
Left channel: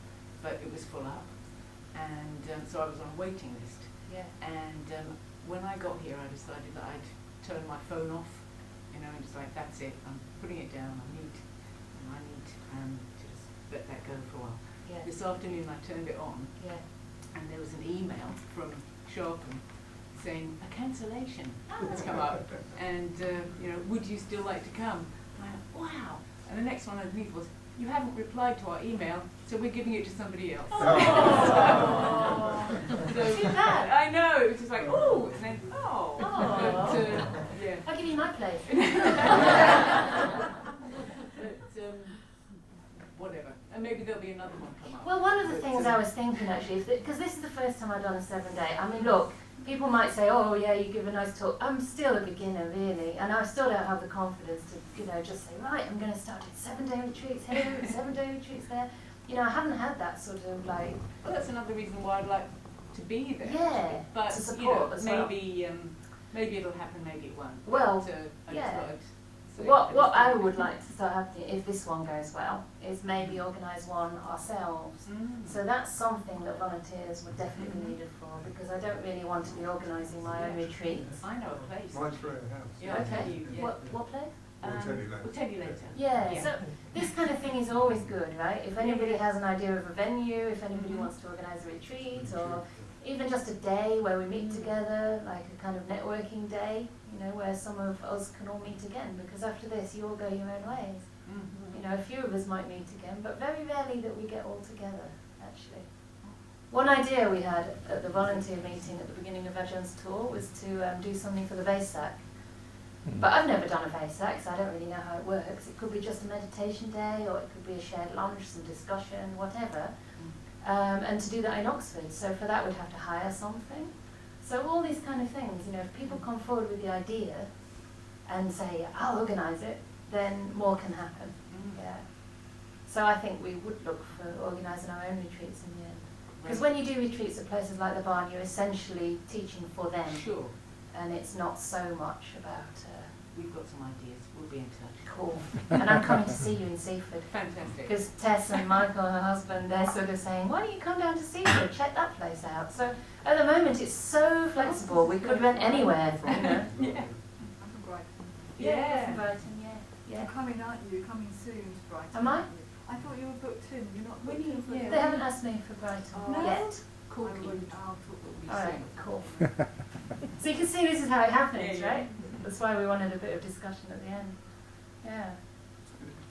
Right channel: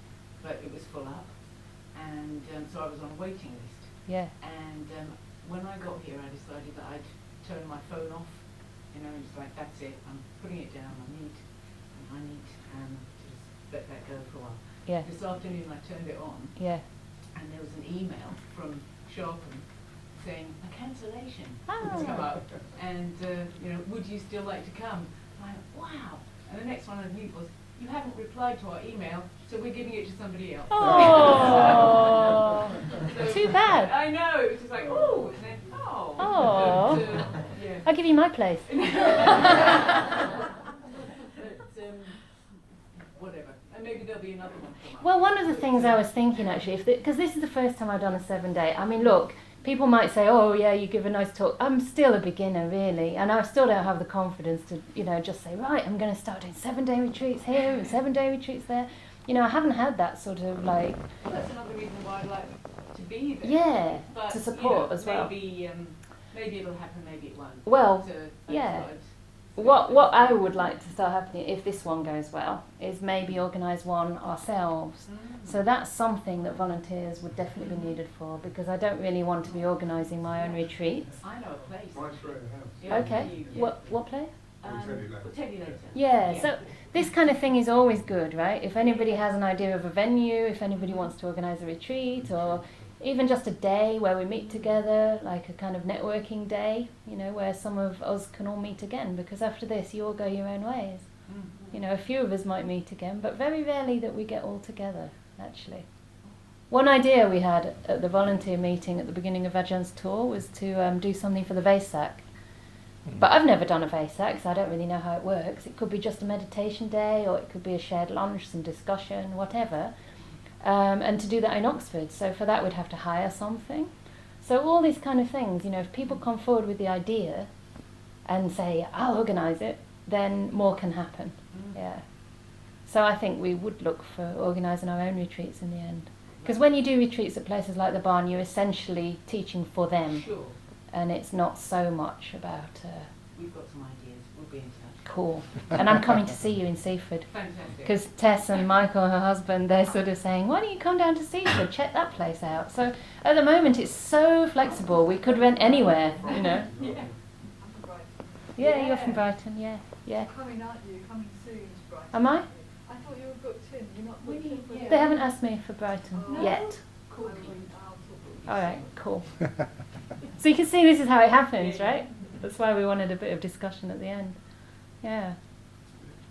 but it was full up, and so I was on a waiting list. Yeah. And when I got here, I decided that I'd turn my phone off, you know, and just like, that's it, I'm putting it down, I need to just let that go for a while. Yeah. This afternoon I turned it on, Yeah. and there was an email from Sharpen saying a cancellation Oh. has come up, and you know, would you still like to come? And I went, wow. And the next one underneath was, you haven't replied to our email, so we're giving it to somebody else. Oh. So, Too bad. I know, it was just like, oh, and then, oh. Oh. But, yeah. I'll give you my place. But, whatever. And maybe there'll be another one come up. Well, one of the things I was thinking actually, because this is the first time I've done a 7-day. I mean, look, people might say, "Oh, yeah, you give a nice talk." I'm still a beginner, really, and I still don't have the confidence to, you know, just say, "Right, I'm going to start doing 7-day retreats here and 7-day retreats there." You know, I haven't had that sort of like. Well, that's another reason why I'd like to be there. Yeah, But, to you support know, as well. Maybe it'll happen, maybe it won't. Well, But, I yeah. just thought I'd say What that. I would like to start happening, if this one goes well, is maybe organise one ourselves. So that's something that volunteers would definitely be needed for, because I don't really want to be organising my own retreats. I know a place. Mine's Roehampton. Yeah, Okay, yeah. what place? We'll tell you later. We'll tell you later. Yeah, so this kind of thing is always good, right? If anybody has an idea of a venue, if anybody wants to organise a retreat, or even just a day where we meet together, like a kind of networking day, you know, where some of us can all meet again, because after this you all go your own ways. You know, a few of us might meet again, but very rarely that we get all together, actually. One idea we had at the volunteer meeting at the beginning of Ajahn tour was to do something for the Vesak. But I've never done a VESA because I don't really know how it works. It could be just a meditation day, or it could be a shared lunch, some discussion, whatever. And to do that in Oxford, so for that we'd have to hire something. So all these kind of things, you know, if people come forward with the idea and say, I'll organise it, then more can happen. Yeah. So I think we would look for organising our own retreats in the end. Because when you do retreats at places like the Barn, you're essentially teaching for them. Sure. And it's not so much about... We've got some ideas. We'll be in touch. Cool. And I'm coming to see you in Seaford. Fantastic. Because Tess and Michael, her husband, they're sort of saying, why don't you come down to Seaford, check that place out. So at the moment it's so flexible, we could rent anywhere, you know. Yeah. I'm from Brighton. Yeah, you're from Brighton, yeah. You're coming, aren't you? Coming soon to Brighton. Am I? I thought you were booked in. You're not booked in for the... They haven't asked me for Brighton Oh. yet. Cool. I'll talk to you Alright, soon. cool. So you can see this is how it happens, right? That's why we wanted a bit of discussion at the end. Yeah.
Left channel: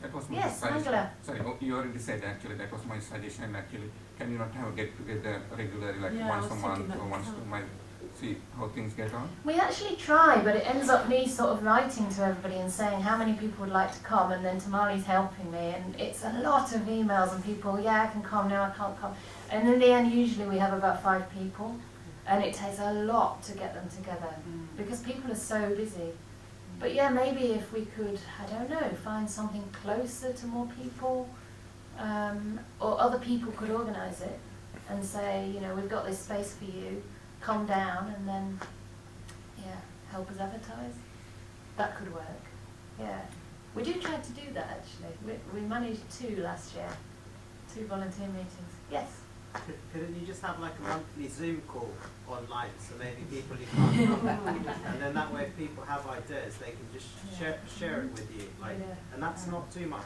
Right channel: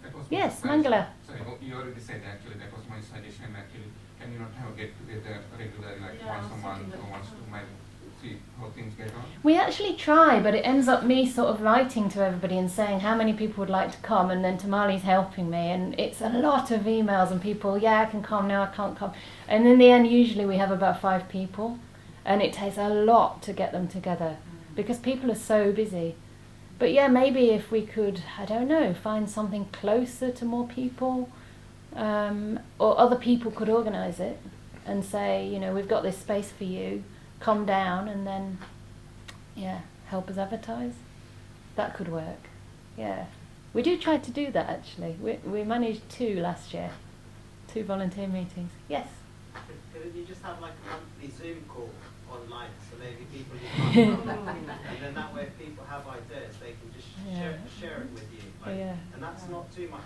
That was my Yes, suggestion. Mangala. Sorry, you already said actually, that was my suggestion actually. Can you not have a get together regularly, like Yeah, I once a was month thinking or that once as well. a month, see how things get on? We actually try, but it ends up me sort of writing to everybody and saying how many people would like to come, and then Tamali's helping me, and it's a lot of emails and people, yeah, I can come, no, I can't come. And in the end, usually we have about 5 people, and it takes a lot to get them together because people are so busy. But yeah, maybe if we could, I don't know, find something closer to more people, or other people could organise it and say, you know, we've got this space for you, come down, and then, yeah, help us advertise. That could work, yeah. We do try to do that actually. We managed 2 last year, 2 volunteer meetings. Yes? Couldn't you just have like a monthly Zoom call online, so maybe people you can't come, and then that way if people have ideas, they can just share it with you, like, and that's not too much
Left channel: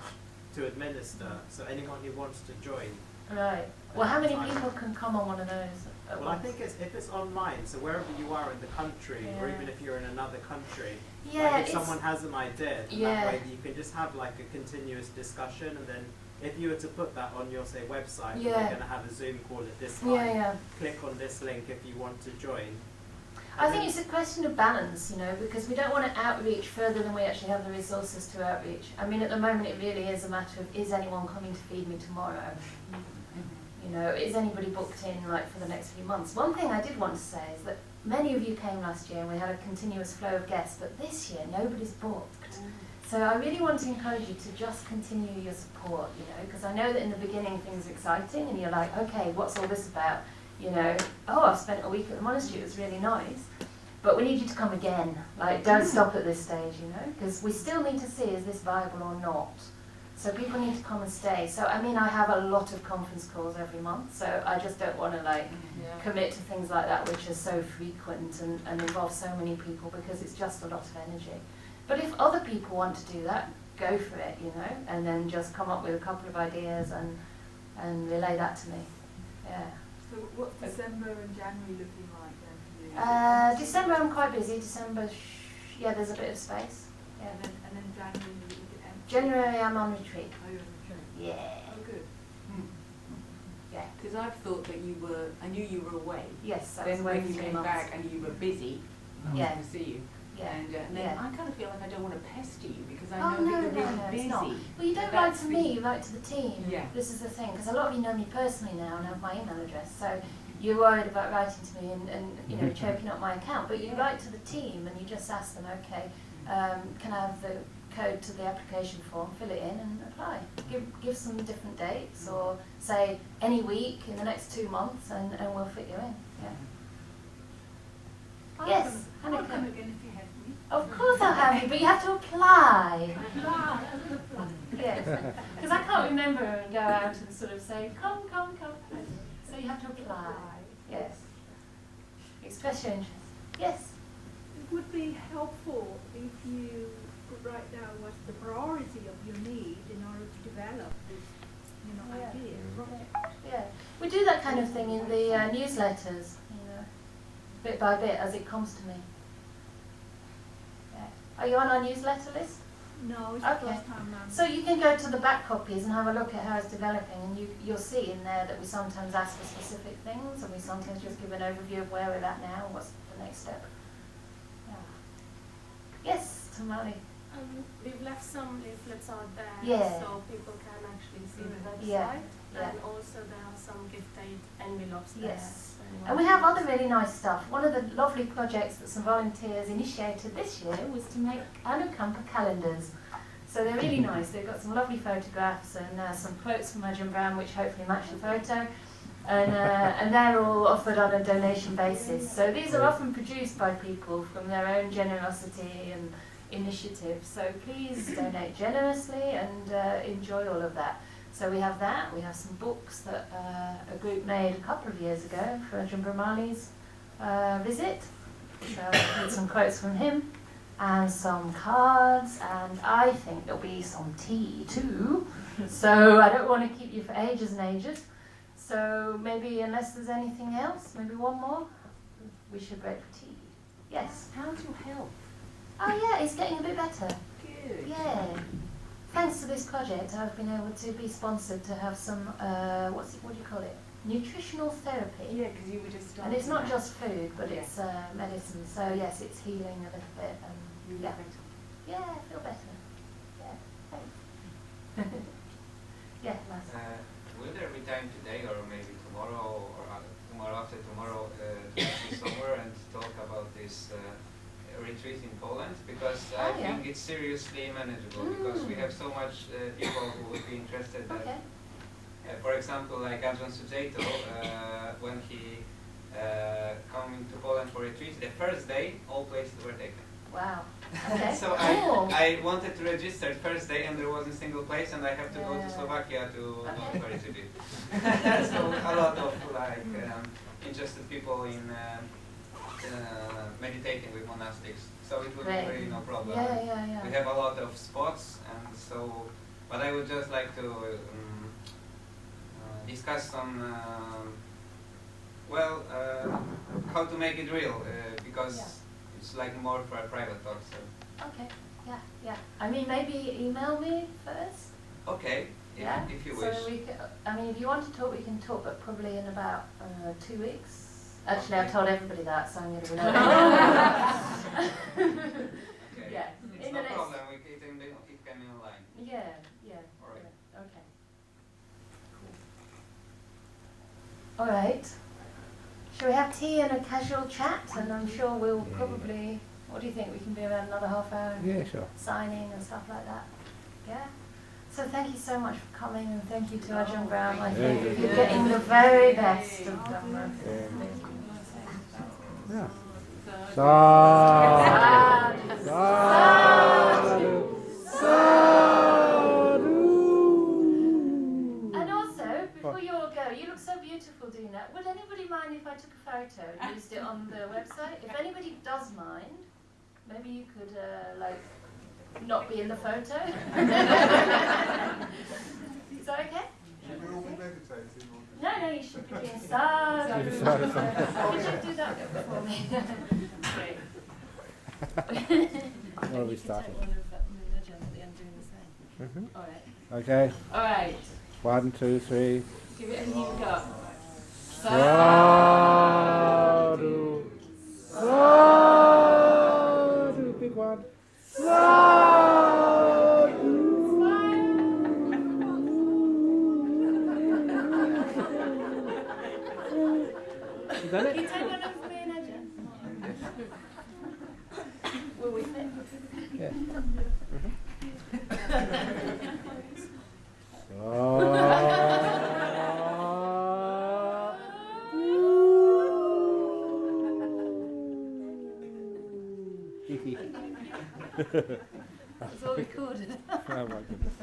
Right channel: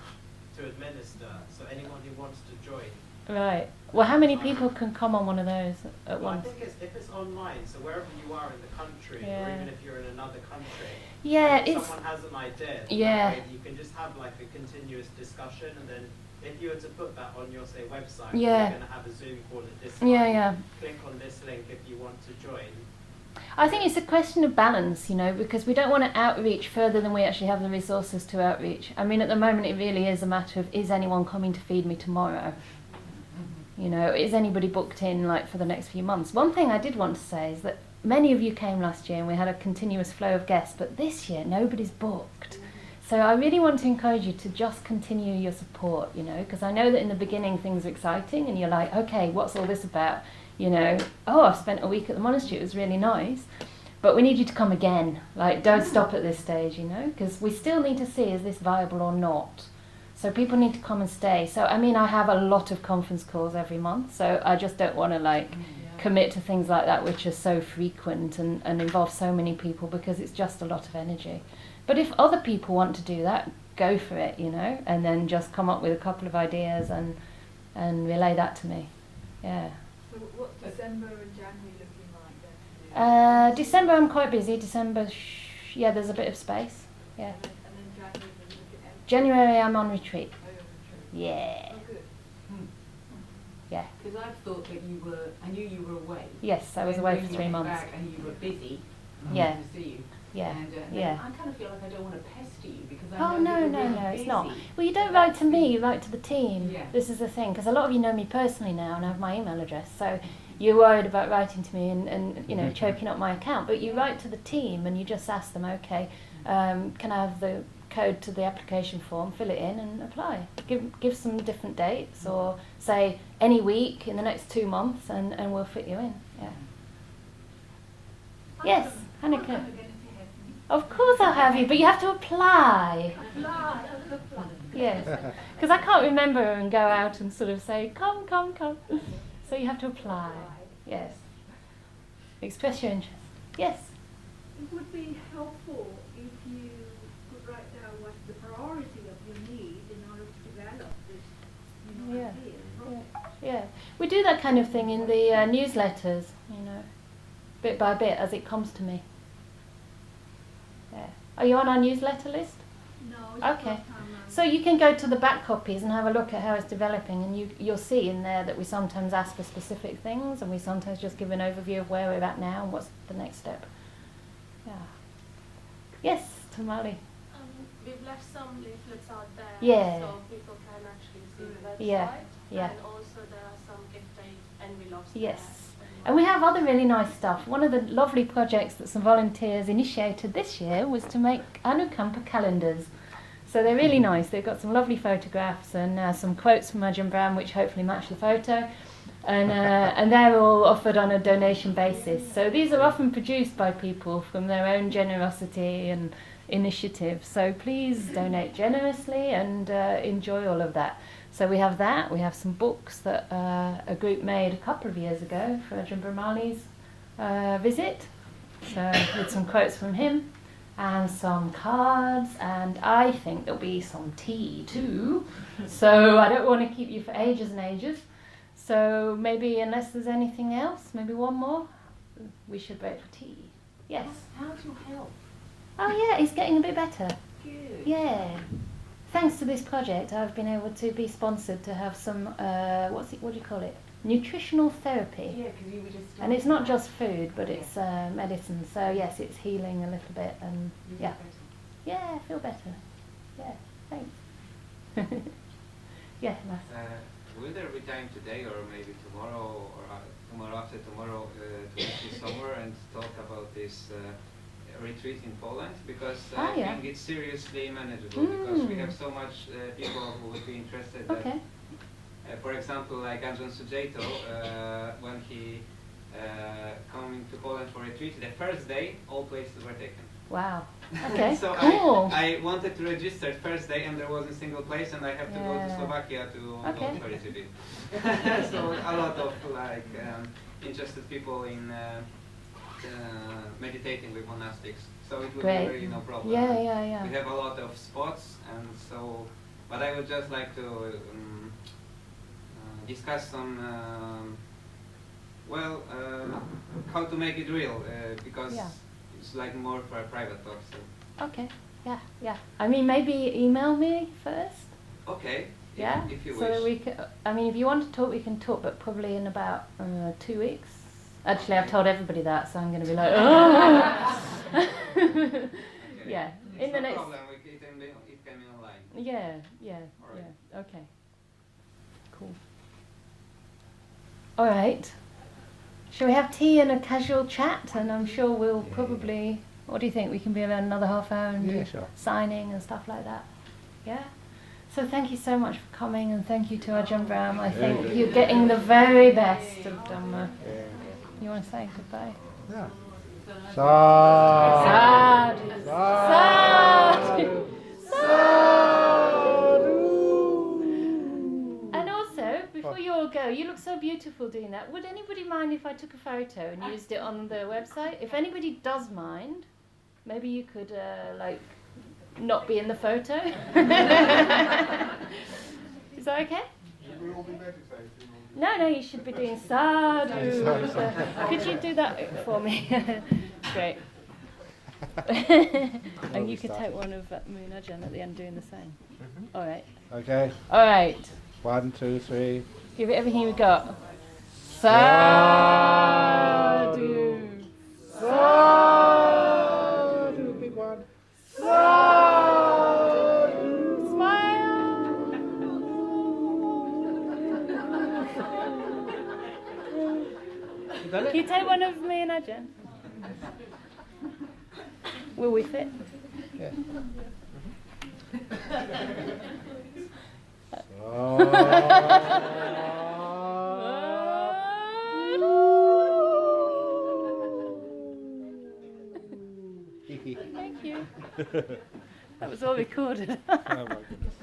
to administer, so anyone who wants to join. Right. Well, how many people can come on one of those at Well, I once? think if it's online, so wherever you are in the country, or even if you're in another country, Yeah, like if it's... someone has an idea, that way you can just have like a continuous discussion, and then if you were to put that on your, say, website, you're going to have a Zoom call at this time, click on this link if you want to join. I think it's a question of balance, you know, because we don't want to outreach further than we actually have the resources to outreach. I mean, at the moment it really is a matter of, is anyone coming to feed me tomorrow? You know, is anybody booked in like for the next few months? One thing I did want to say is that many of you came last year and we had a continuous flow of guests, but this year nobody's booked. So I really want to encourage you to just continue your support, you know, because I know that in the beginning things are exciting and you're like, okay, what's all this about? You know, oh, I've spent a week at the monastery, it was really nice. But we need you to come again. Like, don't stop at this stage, you know, because we still need to see, is this viable or not? So people need to come and stay. So, I mean, I have a lot of conference calls every month, so I just don't want to, like, commit to things like that which are so frequent and involve so many people, because it's just a lot of energy. But if other people want to do that, go for it, you know, and then just come up with a couple of ideas and relay that to me. Yeah. So what's December and January looking like then for you? December I'm quite busy. December, yeah, there's a bit of space. Yeah. And then January you look at empty. January I'm on retreat. Oh, you're on retreat. Yeah. Oh, good. Yeah. Because I've thought that I knew you were away. Yes, I was Then away when for you 3 came months. back and you were busy, Yeah. to see you. Yeah. And then Yeah. I kind of feel like I don't want to pester you because I Oh know no, that no, you're no, really it's busy. not. Well, you don't So write that's to me, you write to the team. Yeah. This is the thing, because a lot of you know me personally now and have my email address, so you're worried about writing to me and you know, choking up my account, but you write to the team and you just ask them, okay, can I have the code to the application form, fill it in and apply. Give some different dates, or say any week in the next 2 months and we'll fit you in. Yeah. Yes, I'll Annika. come again if you have me. Of course I'll have you, but you have to apply. Apply. Yes, because I can't remember and go out and sort of say, come, come, come. So you have to apply. Yes. Express your interest. Yes. It would be helpful if you could write down what's the priority of your need in order to develop this, you know, Yeah. idea, project. Yeah. We do that kind of thing in the newsletters, you know, bit by bit as it comes to me. Yeah. Are you on our newsletter list? No, it's Okay. the first time I'm... So you can go to the back copies and have a look at how it's developing, and you'll see in there that we sometimes ask for specific things and we sometimes just give an overview of where we're at now and what's the next step. Yeah. Yes, Tamale? We've left some leaflets out there, Yeah. so people can actually see the website. Yeah. And also there are some gift aid envelopes Yes. there. And we have other really nice stuff. One of the lovely projects that some volunteers initiated this year was to make Anukampa calendars. So they're really nice. They've got some lovely photographs and some quotes from Ajahn Brahm which hopefully match the photo. And they're all offered on a donation basis. So these are often produced by people from their own generosity and initiative. So please donate generously and enjoy all of that. So we have that. We have some books that a group made a couple of years ago for Ajahn Brahmali's visit, with some quotes from him and some cards, and I think there'll be some tea too. So I don't want to keep you for ages and ages. So maybe, unless there's anything else, maybe one more, we should break for tea. Yes. How's your health? Oh yeah, it's getting a bit better. Good. Yeah. Thanks to this project, I've been able to be sponsored to have some, what do you call it? Nutritional therapy. Yeah, because you were just... And it's not just food, but it's medicine. So yes, it's healing a little bit, and yeah. Yeah, I feel better. Yeah, thanks. Yeah, nice. Will there be time today, or maybe tomorrow, or tomorrow after tomorrow, to see somewhere and talk about this retreat in Poland? Because I think it's seriously manageable, because we have so much people who would be interested. Okay. For example, like Ajahn Sujato, when he coming to Poland for retreat, the first day all places were taken. Wow. Okay. So cool. I wanted to register first day, and there wasn't a single place, and I have to go to Slovakia to go for retreat. So a lot of interested people in meditating with monastics. So it would be really no problem. Yeah. We have a lot of spots, and so. But I would just like to discuss some. How to make it real, because it's like more for a private talk. So. Okay. Yeah. I mean, maybe email me first. Okay. Yeah. If you so wish. we can, I mean, if you want to talk, we can talk, but probably in about 2 weeks. Actually, I've told everybody that, so I'm going to be like. Okay. Yeah. It's In the no next. problem. It can be online. Yeah. All right. Yeah. Okay. Cool. All right. Shall we have tea and a casual chat? And I'm sure we'll probably. What do you think? We can be about another half hour and sure. signing and stuff like that. Yeah. So thank you so much for coming, and thank you to Ajahn Brahm. I think you're getting the very best of Dhamma. You want to say goodbye? Yeah. And also, before you all go, you look so beautiful doing that. Would anybody mind if I took a photo and used it on the website? If anybody does mind, maybe you could not be in the photo. Is that okay? No, you should be doing sadhu. Could you do that for me? Great. And you could take one of Moonajan at the end doing the same. All right. Okay. All right. 1, 2, 3. Give it everything you've got. Sadhu. Sadhu. Big one. Sadhu. Smile. You done Can you it? take one of me and Ajahn? Will we fit? Yeah. Thank you. That was all recorded. Oh my goodness.